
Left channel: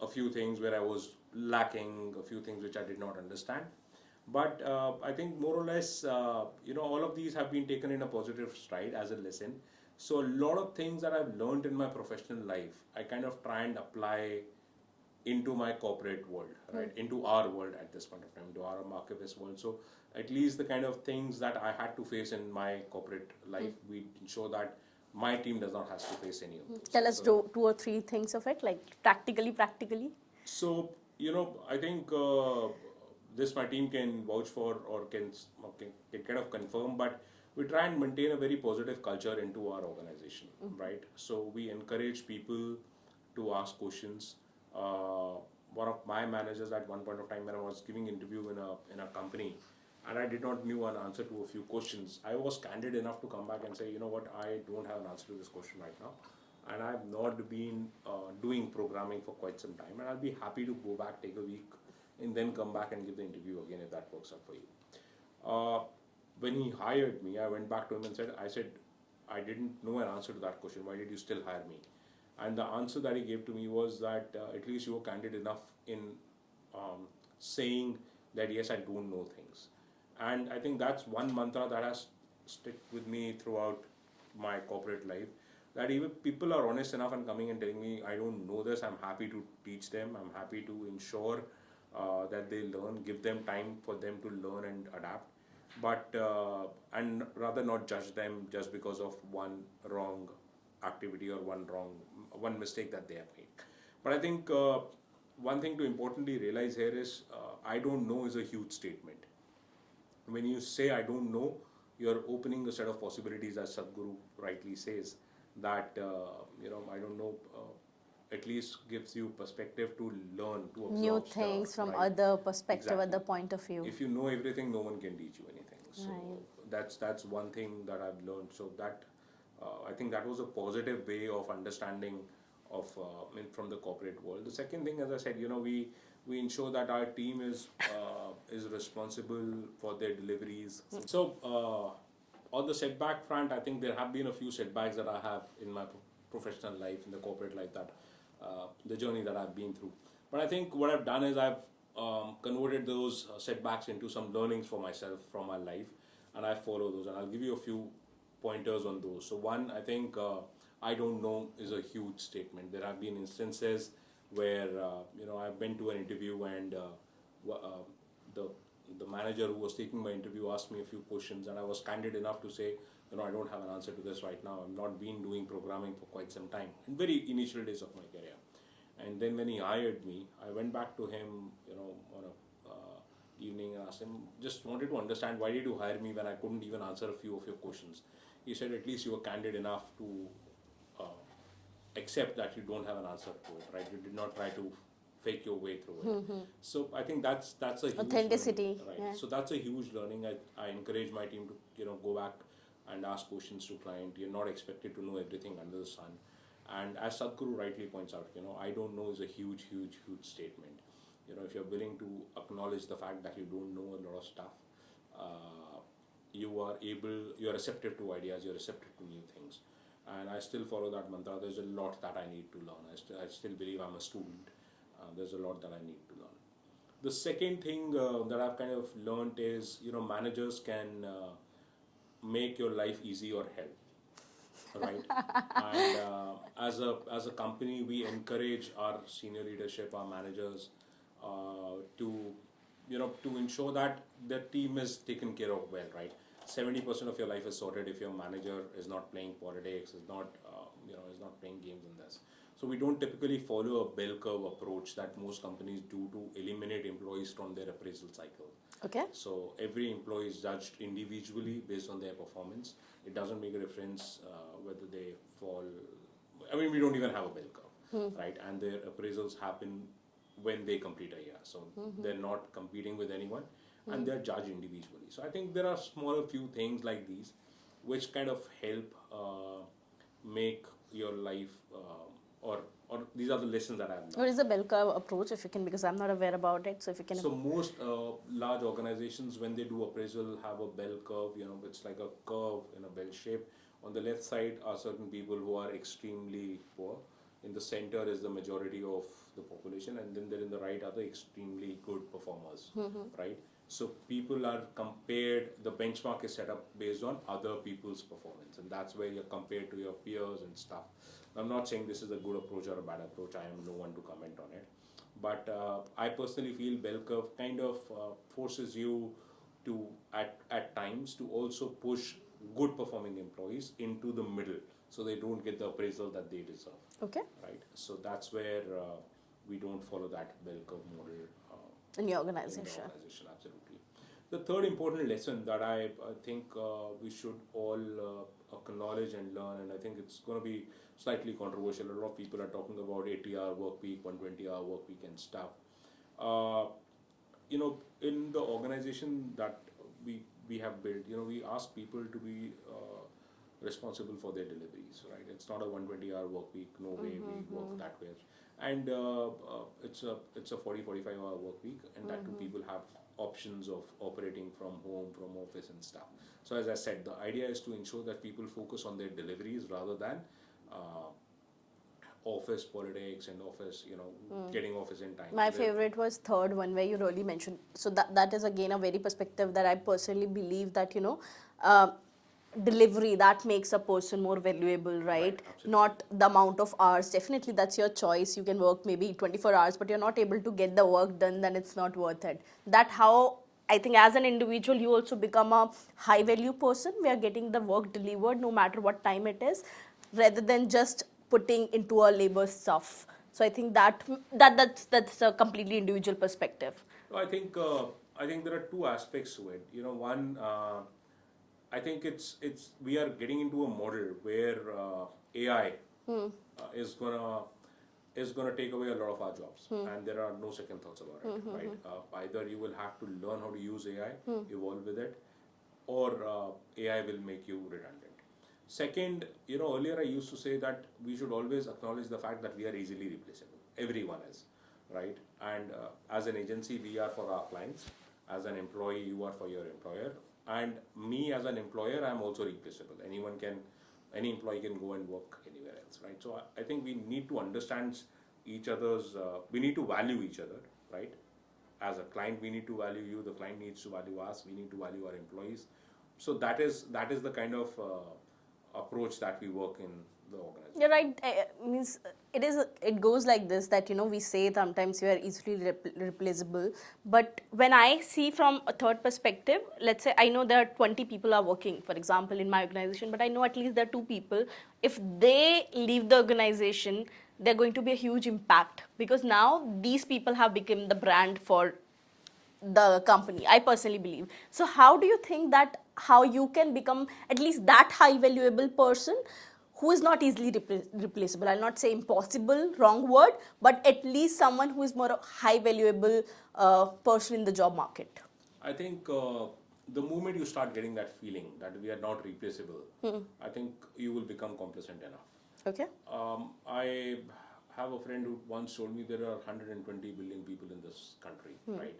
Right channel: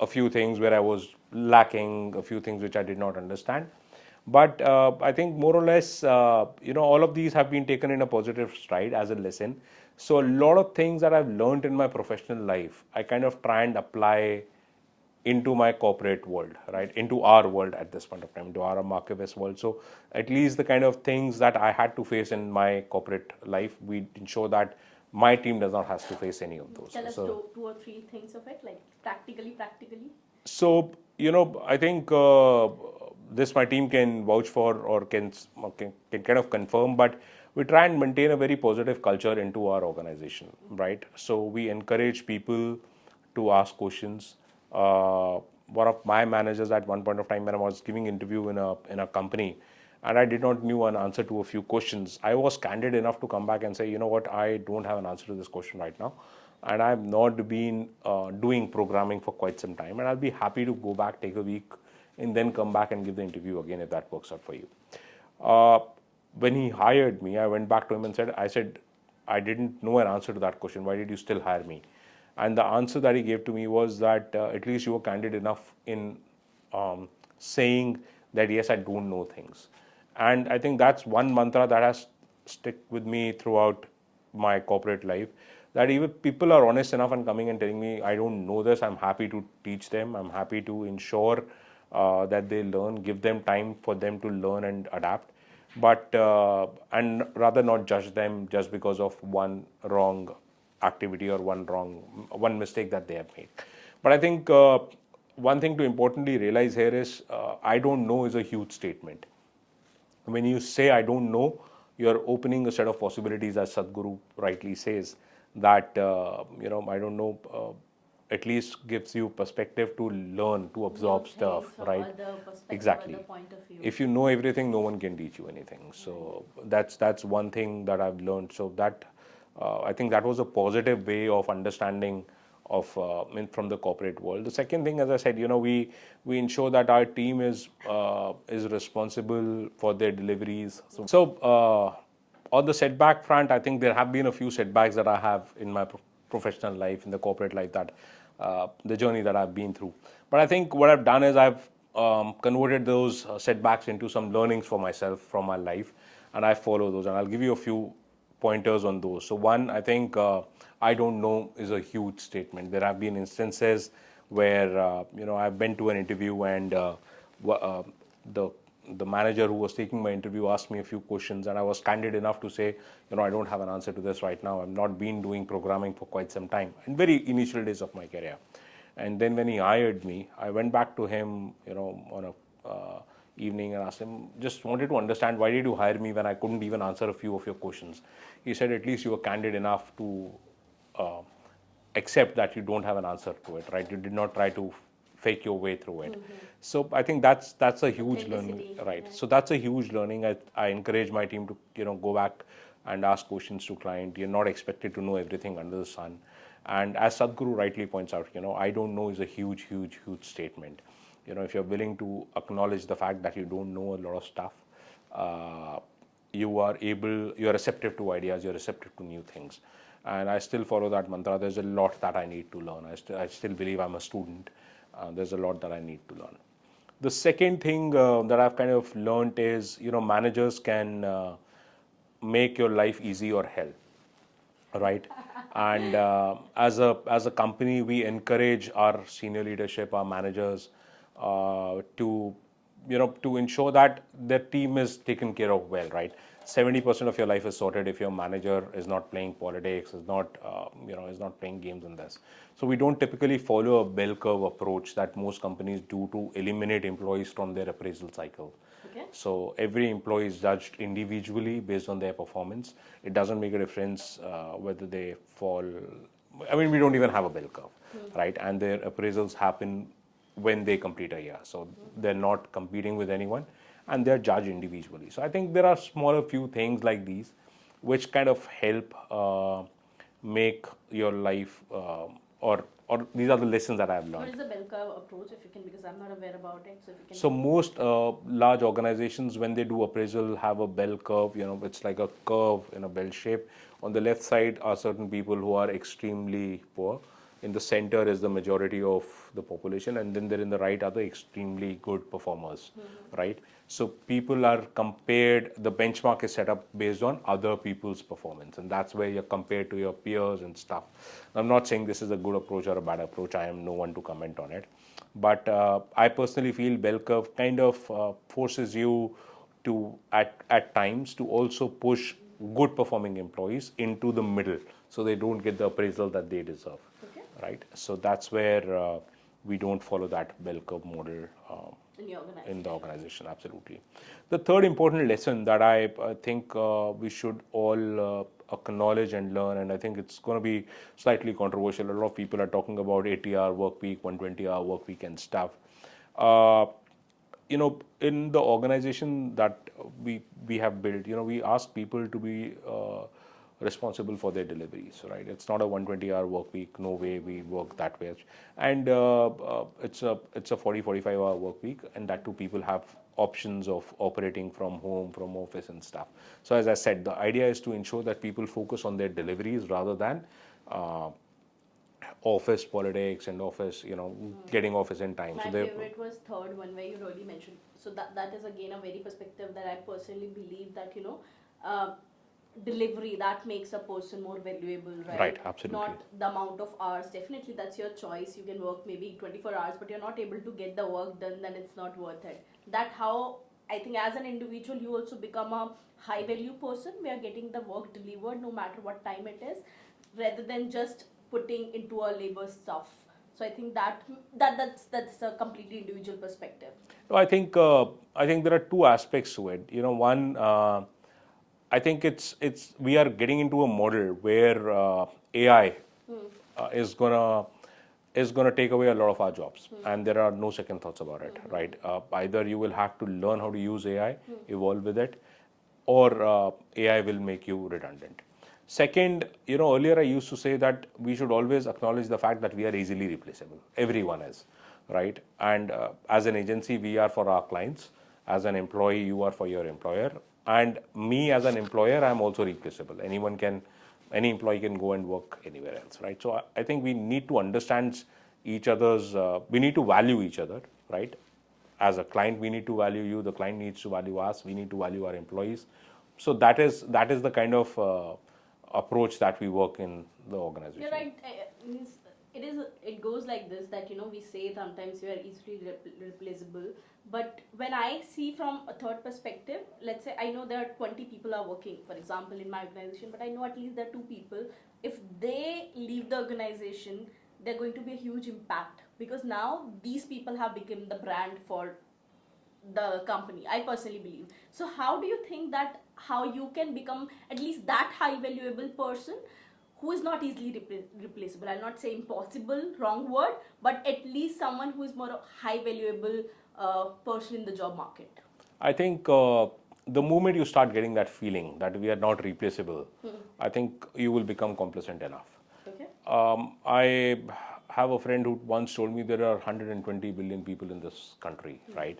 a few things where I was lacking, a few things which I did not understand. But I think more or less, all of these have been taken in a positive stride as a lesson. So a lot of things that I've learned in my professional life, I kind of try and apply into my corporate world, right? Into our world at this point of time, into our Markivis world. So at least the kind of things that I had to face in my corporate life, we ensure that my team does not have to face any of those. Tell us So two or three things of it, like practically. So, I think this my team can vouch for, or can kind of confirm, but we try and maintain a very positive culture into our organization, right? So we encourage people to ask questions. One of my managers at one point of time, when I was giving interview in a company, and I did not knew an answer to a few questions, I was candid enough to come back and say, you know what, I don't have an answer to this question right now, and I've not been doing programming for quite some time, and I'll be happy to go back, take a week, and then come back and give the interview again if that works out for you. Uh, when he hired me, I went back to him and said, I didn't know an answer to that question. Why did you still hire me? And the answer that he gave to me was that at least you were candid enough in saying that yes, I don't know things. And I think that's one mantra that has stick with me throughout my corporate life. That even people are honest enough and coming and telling me I don't know this, I'm happy to teach them. I'm happy to ensure that they learn, give them time for them to learn and adapt. But and rather not judge them just because of one wrong activity or one mistake that they have made. But I think one thing to importantly realize here is I don't know is a huge statement. When you say I don't know, you're opening a set of possibilities, as Sadhguru rightly says, that I don't know at least gives you perspective to learn, to New absorb things stuff, from right? other perspective, Exactly. other point of view. If you know everything, no one can teach you anything. So that's one thing that I've learned. So that I think that was a positive way of understanding of from the corporate world. The second thing, as I said, we ensure that our team is responsible for their deliveries. So on the setback front, I think there have been a few setbacks that I have in my professional life, in the corporate life, that the journey that I've been through. But I think what I've done is I've converted those setbacks into some learnings for myself from my life, and I follow those. And I'll give you a few pointers on those. So one, I think I don't know is a huge statement. There have been instances where I've been to an interview and the the manager who was taking my interview asked me a few questions, and I was candid enough to say, I don't have an answer to this right now. I've not been doing programming for quite some time, in very initial days of my career. And then when he hired me, I went back to him, on a evening, and asked him, just wanted to understand, why did you hire me when I couldn't even answer a few of your questions? He said, at least you were candid enough to uh, accept that you don't have an answer to it, right? You did not try to fake your way through it. So I think that's a huge learning, Authenticity, right? yeah. So that's a huge learning. I encourage my team to go back and ask questions to client. You're not expected to know everything under the sun. And as Sadhguru rightly points out, I don't know is a huge, huge, huge statement. If you're willing to acknowledge the fact that you don't know a lot of stuff, uh, you're receptive to ideas, you're receptive to new things. And I still follow that mantra. There's a lot that I need to learn. I still believe I'm a student. There's a lot that I need to learn. The second thing that I've kind of learned is, managers can make your life easy or hell, right? And as a company, we encourage our senior leadership, our managers, to to ensure that their team is taken care of well, right? 70% of your life is sorted if your manager is not playing politics, is not playing games in this. So we don't typically follow a bell curve approach that most companies do to eliminate employees from their appraisal cycle. Okay. So every employee is judged individually based on their performance. It doesn't make a difference whether they fall. I mean, we don't even have a bell curve, right? And their appraisals happen when they complete a year. So they're not competing with anyone, and they're judged individually. So I think there are smaller few things like these, which kind of help make your life, or these are the lessons that I've What learned. is the bell curve approach, if you can, because I'm not aware about it. So if you can. So most large organizations, when they do appraisal, have a bell curve. It's like a curve in a bell shape. On the left side are certain people who are extremely poor. In the center is the majority of the population, and then there in the right are the extremely good performers, right? So people are compared. The benchmark is set up based on other people's performance, and that's where you're compared to your peers and stuff. I'm not saying this is a good approach or a bad approach. I am no one to comment on it. But I personally feel bell curve kind of forces you to, at times, to also push good performing employees into the middle, so they don't get the appraisal that they deserve. Okay. Right. So that's where we don't follow that bell curve model In your in organization. the organization. Absolutely. The third important lesson that I think we should all acknowledge and learn, and I think it's going to be slightly controversial. A lot of people are talking about 80-hour work week, 120-hour work week, and stuff. Uh, in the organization that we have built, we ask people to be responsible for their deliveries, right? It's not a 120-hour work week. No way we work that way. And it's a 40-45-hour work week, and that too people have options of operating from home, from office, and stuff. So as I said, the idea is to ensure that people focus on their deliveries rather than uh, office politics and office, getting office in time. My So they're favorite was third one, where you really mentioned. So that is again a very perspective that I personally believe that uh, delivery that makes a person more valuable, right? right, absolutely. Not the amount of hours. Definitely, that's your choice. You can work maybe 24 hours, but you're not able to get the work done. Then it's not worth it. That how I think as an individual you also become a high value person. We are getting the work delivered no matter what time it is, rather than just putting into a labor stuff. So I think that's a completely individual perspective. No, I think there are two aspects to it. One, I think it's we are getting into a model where AI is gonna is going to take away a lot of our jobs, and there are no second thoughts about it, right? Either you will have to learn how to use AI, evolve with it, or AI will make you redundant. Second, earlier I used to say that we should always acknowledge the fact that we are easily replaceable. Everyone is, right? And as an agency, we are for our clients. As an employee, you are for your employer. And me as an employer, I'm also replaceable. Any employee can go and work anywhere else, right? So I think we need to understand each other's, we need to value each other, right? As a client, we need to value you, the client needs to value us, we need to value our employees. So that is the kind of approach that we work in the organization. You're right. Means it goes like this, that we say sometimes you are easily replaceable, but when I see from a third perspective, let's say I know there are 20 people are working, for example, in my organization, but I know at least there are two people. If they leave the organization, they're going to be a huge impact, because now these people have become the brand for the company, I personally believe. So how do you think that how you can become at least that high valuable person who is not easily replaceable? I'll not say impossible, wrong word, but at least someone who is more a high valuable person in the job market. I think the moment you start getting that feeling that we are not replaceable, I think you will become complacent enough. Okay. I have a friend who once told me there are 120 billion people in this country, right?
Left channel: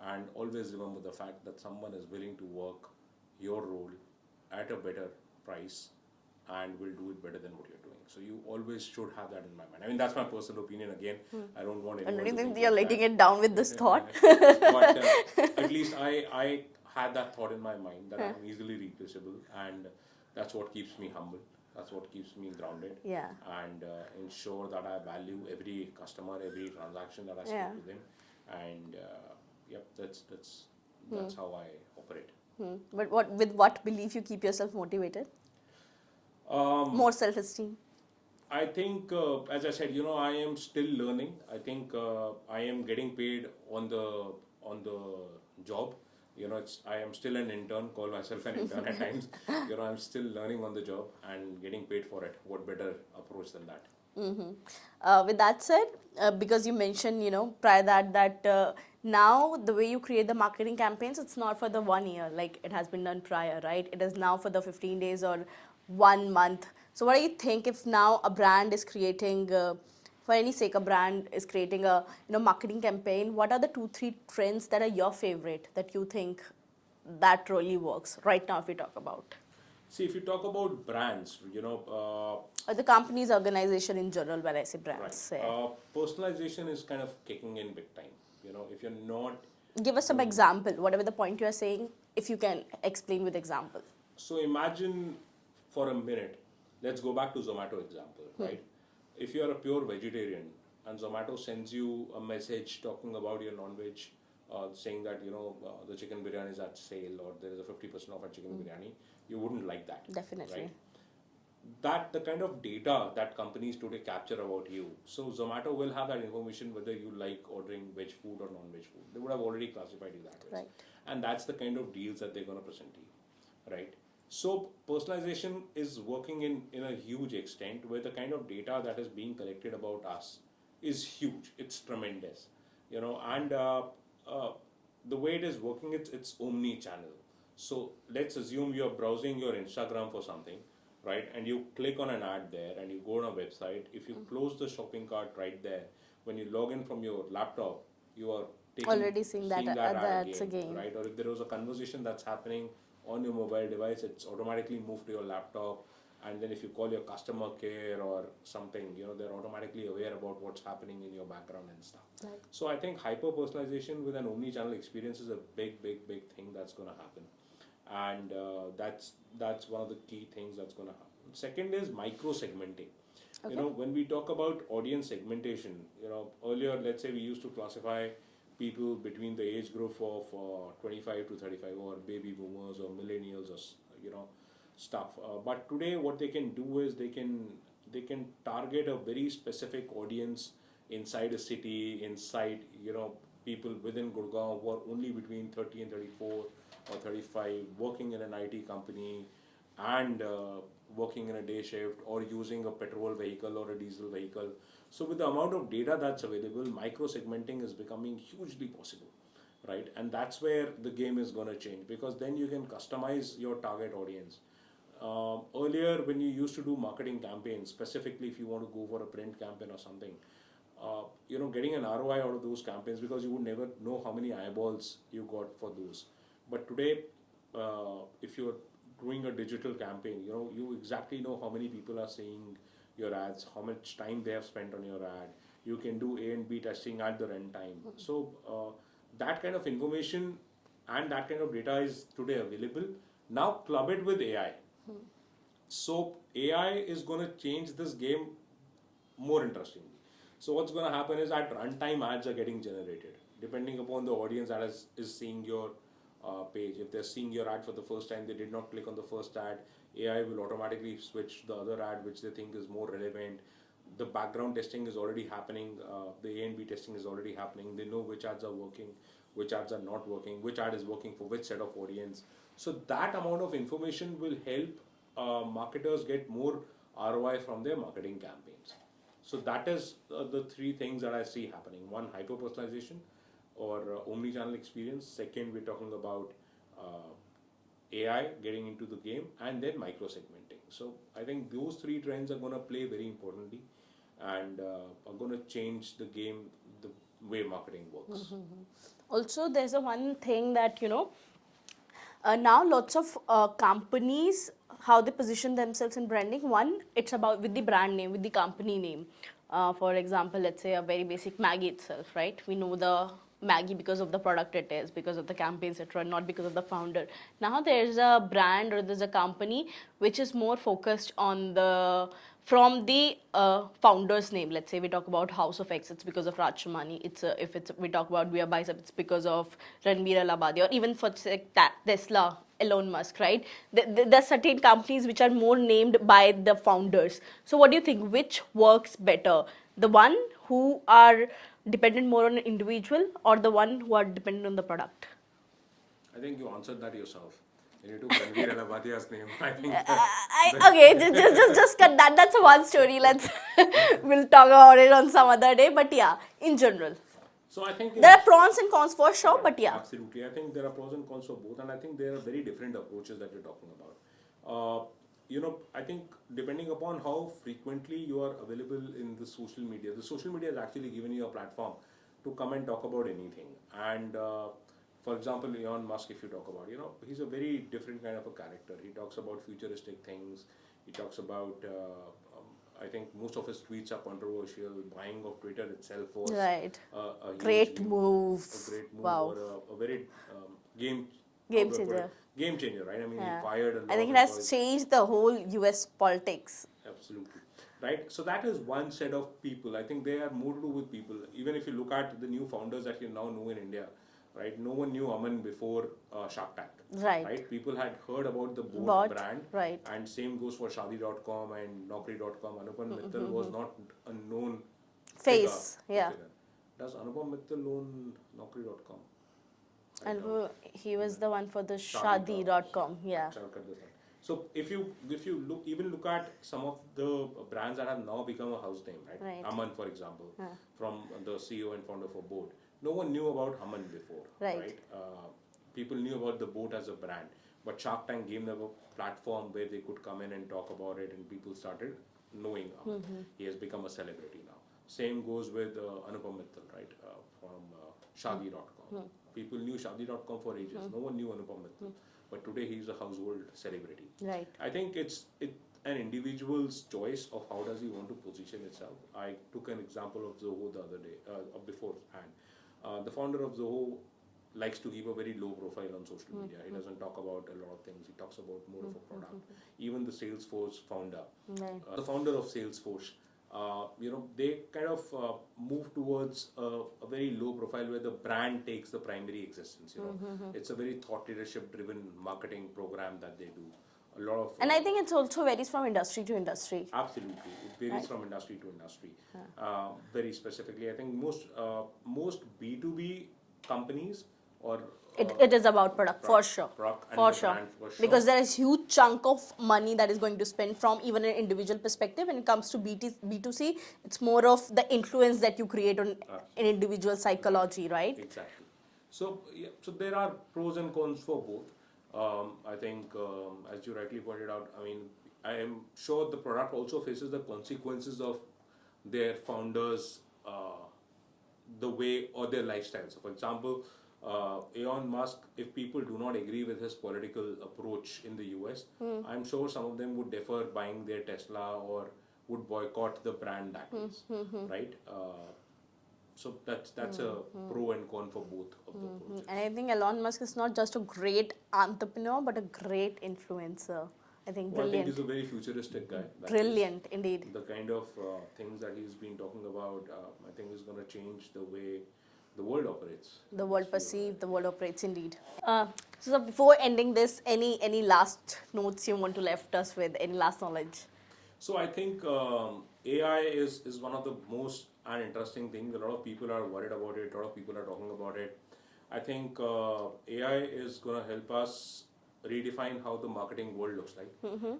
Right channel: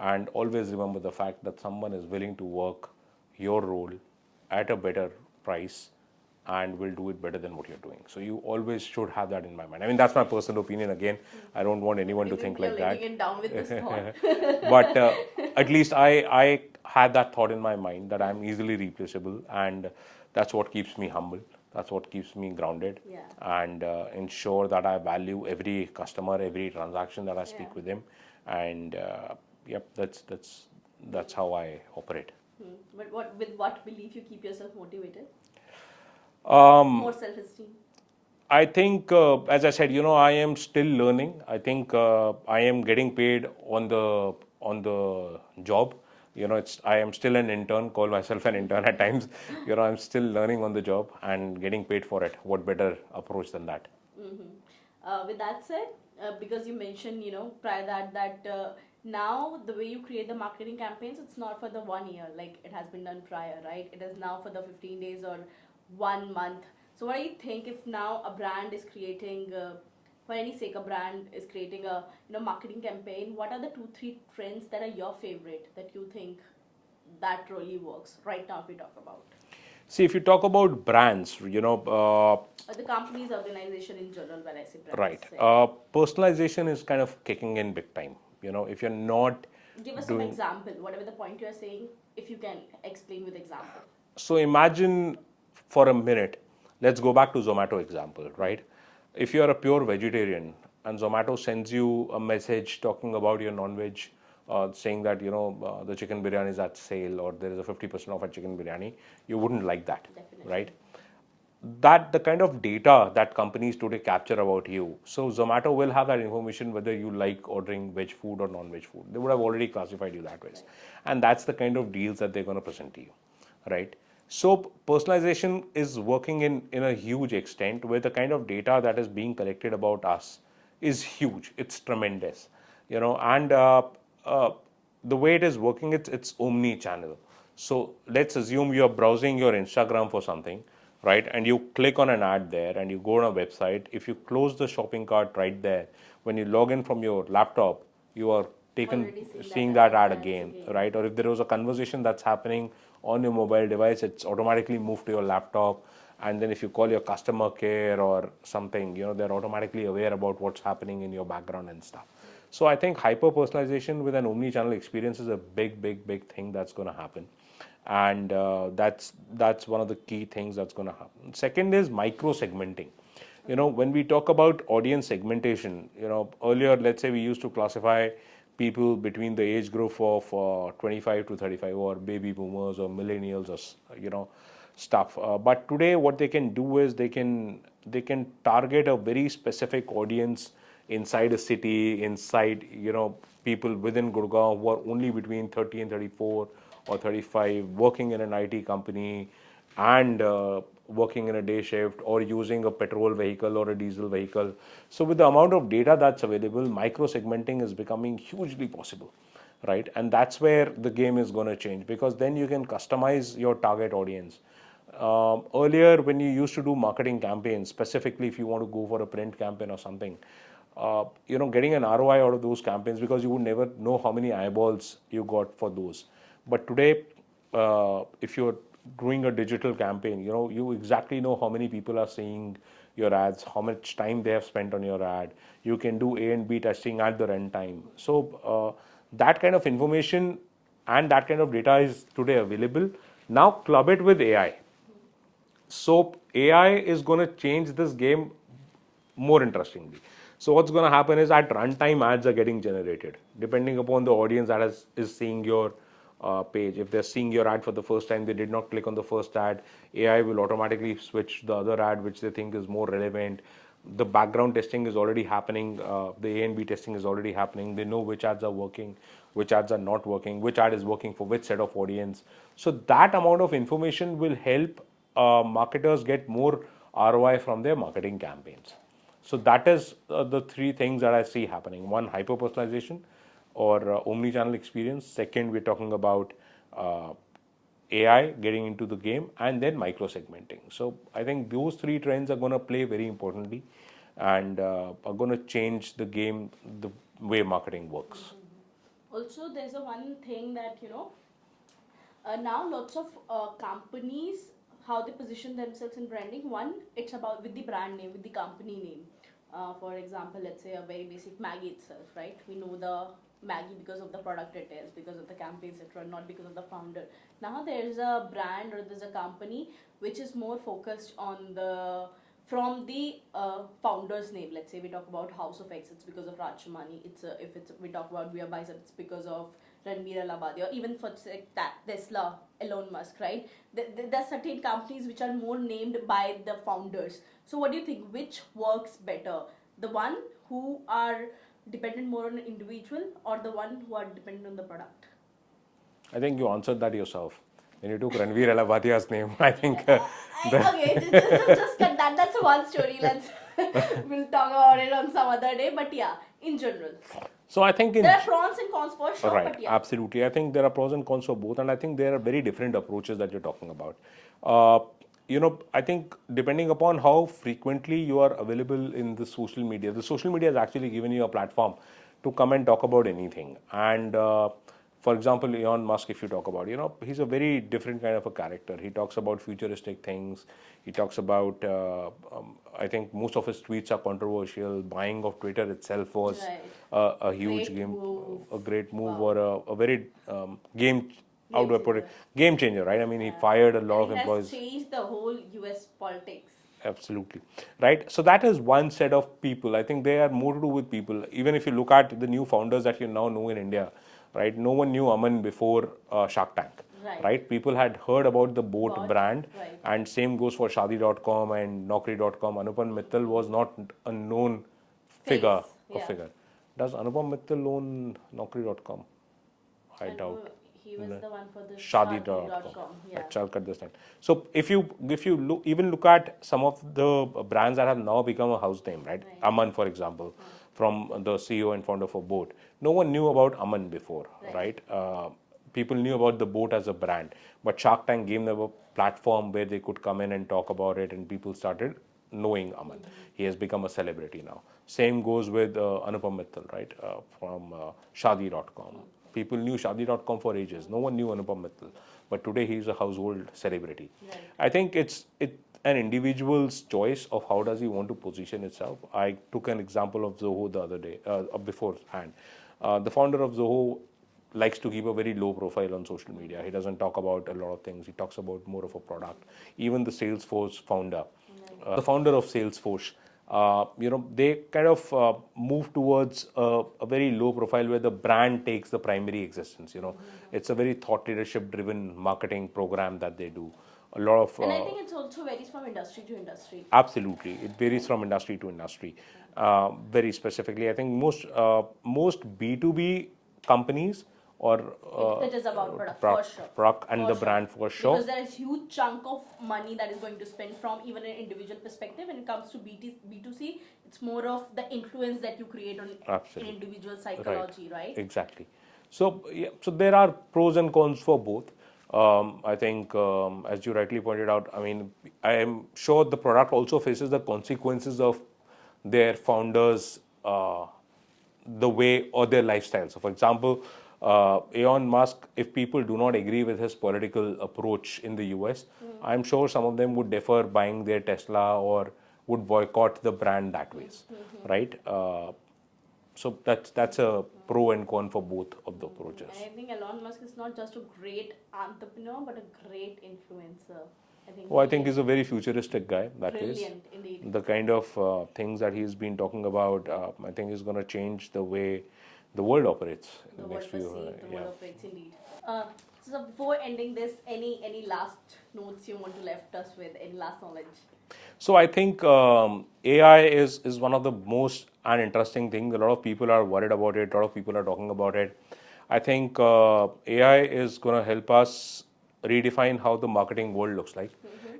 And always remember the fact that someone is willing to work your role at a better price and will do it better than what you're doing. So you always should have that in my mind. I mean, that's my personal opinion. Again, I don't want anyone to think You're like letting that. it down with this thought. But at least I had that thought in my mind that I'm easily replaceable, and that's what keeps me humble. That's what keeps me grounded, Yeah. and ensure that I value every customer, every transaction that I speak Yeah. with him, and yep, that's how I operate. But with what belief you keep yourself motivated? More self-esteem. I think, as I said, I am still learning. I think I am getting paid on the job. I am still an intern. Call myself an intern at times. I'm still learning on the job and getting paid for it. What better approach than that? With that said, because you mentioned, prior that now the way you create the marketing campaigns, it's not for the 1 year like it has been done prior, right? It is now for the 15 days or 1 month. So what do you think if now a brand is creating, for any sake, a brand is creating a marketing campaign? What are the 2-3 trends that are your favorite that you think that really works right now? If we talk about See, if you talk about brands, or the company's organization in general, when I say brands, right, say. personalization is kind of kicking in big time. If you're not Give us some example, whatever the point you are saying, if you can explain with example. So imagine for a minute, let's go back to Zomato example, right? If you are a pure vegetarian and Zomato sends you a message talking about your non-veg, saying that the chicken biryani is at sale or there is a 50% off at chicken biryani, you wouldn't like that, Definitely. right? That the kind of data that companies today capture about you. So Zomato will have that information whether you like ordering veg food or non-veg food. They would have already classified you that way, Right. and that's the kind of deals that they're going to present to you, right? So personalization is working in a huge extent where the kind of data that is being collected about us is huge. It's tremendous, and uh, the way it is working, it's omni-channel. So let's assume you're browsing your Instagram for something, right? And you click on an ad there and you go on a website. If you close the shopping cart right there, when you log in from your laptop, you are Already seeing that ad ads again, right? Or if there was a conversation that's happening on your mobile device, it's automatically moved to your laptop. And then if you call your customer care or something, they're automatically aware about what's happening in your background and stuff. So I think hyper personalization with an omni-channel experience is a big, big, big thing that's going to happen, and that's one of the key things that's going to happen. Second is micro segmenting. When we talk about audience segmentation, earlier, let's say we used to classify people between the age group of 25 to 35 or baby boomers or millennials or stuff. But today what they can do is they can target a very specific audience inside a city, inside people within Gurgaon who are only between 30 and 34 or 35, working in an IT company, and working in a day shift or using a petrol vehicle or a diesel vehicle. So with the amount of data that's available, micro segmenting is becoming hugely possible, right? And that's where the game is going to change, because then you can customize your target audience. Earlier, when you used to do marketing campaigns, specifically if you want to go for a print campaign or something, getting an ROI out of those campaigns, because you would never know how many eyeballs you got for those. But today, if you're doing a digital campaign, you exactly know how many people are seeing your ads, how much time they have spent on your ad. You can do A and B testing at the runtime. So that kind of information and that kind of data is today available. Now club it with AI. So AI is going to change this game more interestingly. So what's going to happen is at runtime ads are getting generated depending upon the audience that is seeing your page. If they're seeing your ad for the first time, they did not click on the first ad, AI will automatically switch the other ad which they think is more relevant. The background testing is already happening. The A and B testing is already happening. They know which ads are working, which ads are not working, which ad is working for which set of audience. So that amount of information will help marketers get more ROI from their marketing campaigns. So that is the three things that I see happening. One, hyper personalization or omni-channel experience. Second, we're talking about AI getting into the game, and then micro segmenting. So I think those three trends are going to play very importantly, and are going to change the game, the way marketing works. Also, there's a one thing that now lots of companies, how they position themselves in branding. One, it's about with the brand name, with the company name. For example, let's say a very basic Maggie itself, right? We know the Maggie because of the product it is, because of the campaigns it run, not because of the founder. Now there's a brand or there's a company which is more focused on the from the founder's name. Let's say we talk about House of X, it's because of Raj Shamani. If it's we talk about We Are Bicep, it's because of Ranbir Alabadi, or even for say, Tesla, Elon Musk, right? There are certain companies which are more named by the founders. So what do you think? Which works better? The one who are dependent more on an individual, or the one who are dependent on the product? I think you answered that yourself. When you took Ranveer Alabadia's name, I think Okay, just cut that. That's a one story. Let's we'll talk about it on some other day. But yeah, in general, so I think there are pros and cons for sure. right, But yeah, absolutely. I think there are pros and cons for both, and I think there are very different approaches that you're talking about. Uh, I think depending upon how frequently you are available in the social media has actually given you a platform to come and talk about anything. And for example, Elon Musk, if you talk about, he's a very different kind of a character. He talks about futuristic things. He talks about, I think most of his tweets are controversial. Buying of Twitter itself was right. a huge Great game, move. a great move, Wow. or a very how Game do I put it? changer. Game changer, right? I mean, he Yeah. fired a I lot think of it has employees. changed the whole US politics. Absolutely. Right. So that is one set of people. I think they are more to do with people. Even if you look at the new founders that you now know in India, right? No one knew Aman before Shark Tank. Right. People had heard about the boat But brand, right. and same goes for Shadi.com and Naukri.com. Anupam Mittal was not a known figure. Face. Yeah. Does Anupam Mittal own Naukri.com? I And doubt. he was the one for the Shadi.com. Shadi.com. Yeah. I'll cut this line. So if you look at some of the brands that have now become a house name, right? Right. Aman, for example, from the CEO and founder for Boat. No one knew about Aman before, Right. people knew about the Boat as a brand, but Shark Tank gave them a platform where they could come in and talk about it, and people started knowing Aman. He has become a celebrity now. Same goes with Anupam Mittal, right? From Shadi.com. People knew Shadi.com for ages. No one knew Anupam Mittal, but today he's a household celebrity. Right. I think it's an individual's choice of how does he want to position itself. I took an example of Zoho the other day, beforehand. The founder of Zoho likes to keep a very low profile on social media. He doesn't talk about a lot of things. He talks about more of a product. Even the Salesforce founder, the founder of Salesforce, they kind of move towards a very low profile where the brand takes the primary existence. It's a very thought leadership driven marketing program that they do. A lot of And I think it's also varies from industry to industry. absolutely, it varies from industry to industry. Very specifically, I think most B2B companies or It is about product for sure. product and For the sure. brand for sure. Because there is huge chunk of money that is going to spend from even an individual perspective. When it comes to B2C, it's more of the influence that you create on an Absolutely. individual psychology, right? Exactly. So, yeah, so there are pros and cons for both. I think, as you rightly pointed out, I mean, I am sure the product also faces the consequences of their founders, the way or their lifestyle. So, for example, Elon Musk, if people do not agree with his political approach in the US, I'm sure some of them would defer buying their Tesla or would boycott the brand that ways, right? So that's a pro and con for both of the approaches. And I think Elon Musk is not just a great entrepreneur, but a great influencer. I think Oh, I think brilliant. he's a very futuristic guy. That is. Brilliant, indeed. The kind of things that he's been talking about, I think is going to change the way the world operates. in The the world next few, perceives, the world yeah. operates, indeed. So before ending this, any last notes you want to left us with? Any last knowledge? So I think AI is one of the most and interesting things. A lot of people are worried about it. A lot of people are talking about it. I think AI is going to help us redefine how the marketing world looks like.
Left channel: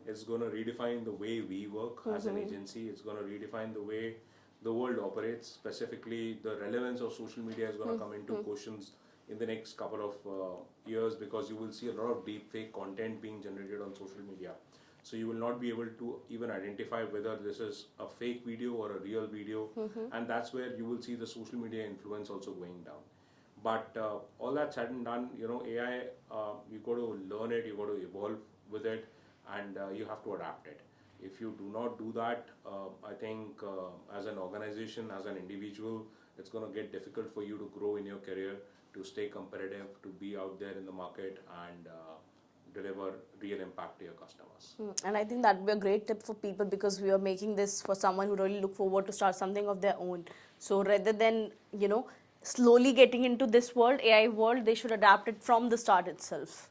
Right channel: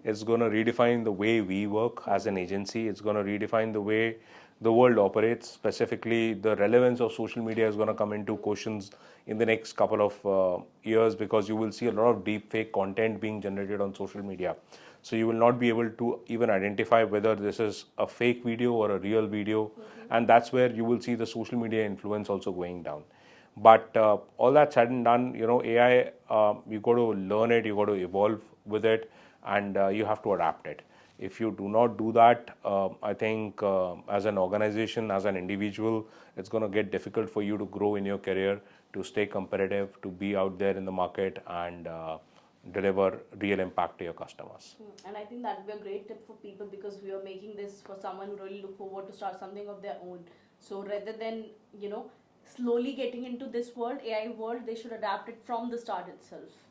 It's going to redefine the way we work as an agency. It's going to redefine the way the world operates. Specifically, the relevance of social media is going to come into questions in the next couple of years, because you will see a lot of deep fake content being generated on social media. So you will not be able to even identify whether this is a fake video or a real video, and that's where you will see the social media influence also going down. But all that said and done, AI, you got to learn it, you got to evolve with it, and you have to adapt it. If you do not do that, I think as an organization, as an individual, it's going to get difficult for you to grow in your career, to stay competitive, to be out there in the market, and deliver real impact to your customers. And I think that would be a great tip for people, because we are making this for someone who really look forward to start something of their own. So rather than, slowly getting into this world, AI world, they should adapt it from the start itself.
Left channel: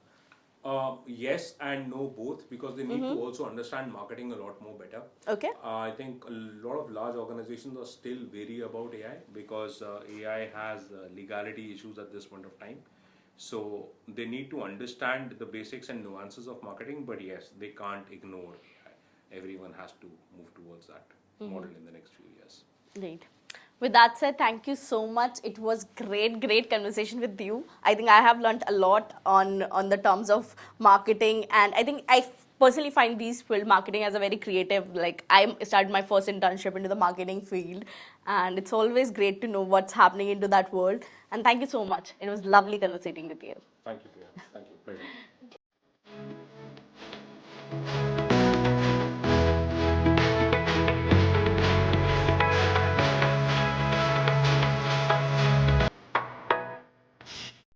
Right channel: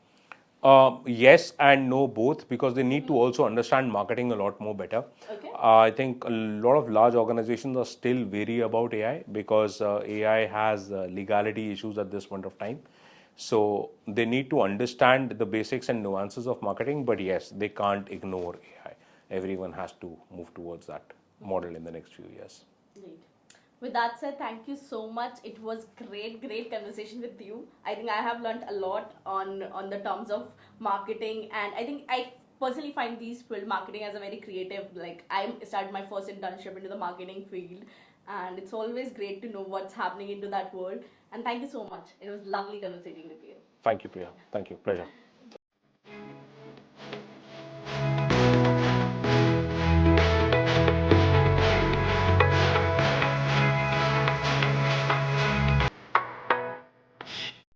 Yes and no, both, because they need to also understand marketing a lot more better. Okay. I think a lot of large organizations are still wary about AI, because AI has legality issues at this point of time. So they need to understand the basics and nuances of marketing, but yes, they can't ignore AI. Everyone has to move towards that model in the next few years. Great. With that said, thank you so much. It was great conversation with you. I think I have learned a lot on the terms of marketing, and I think I personally find these field marketing as a very creative. Like, I started my first internship into the marketing field, and it's always great to know what's happening into that world. And thank you so much. It was lovely conversating with you. Thank you, Priya. Thank you. Pleasure.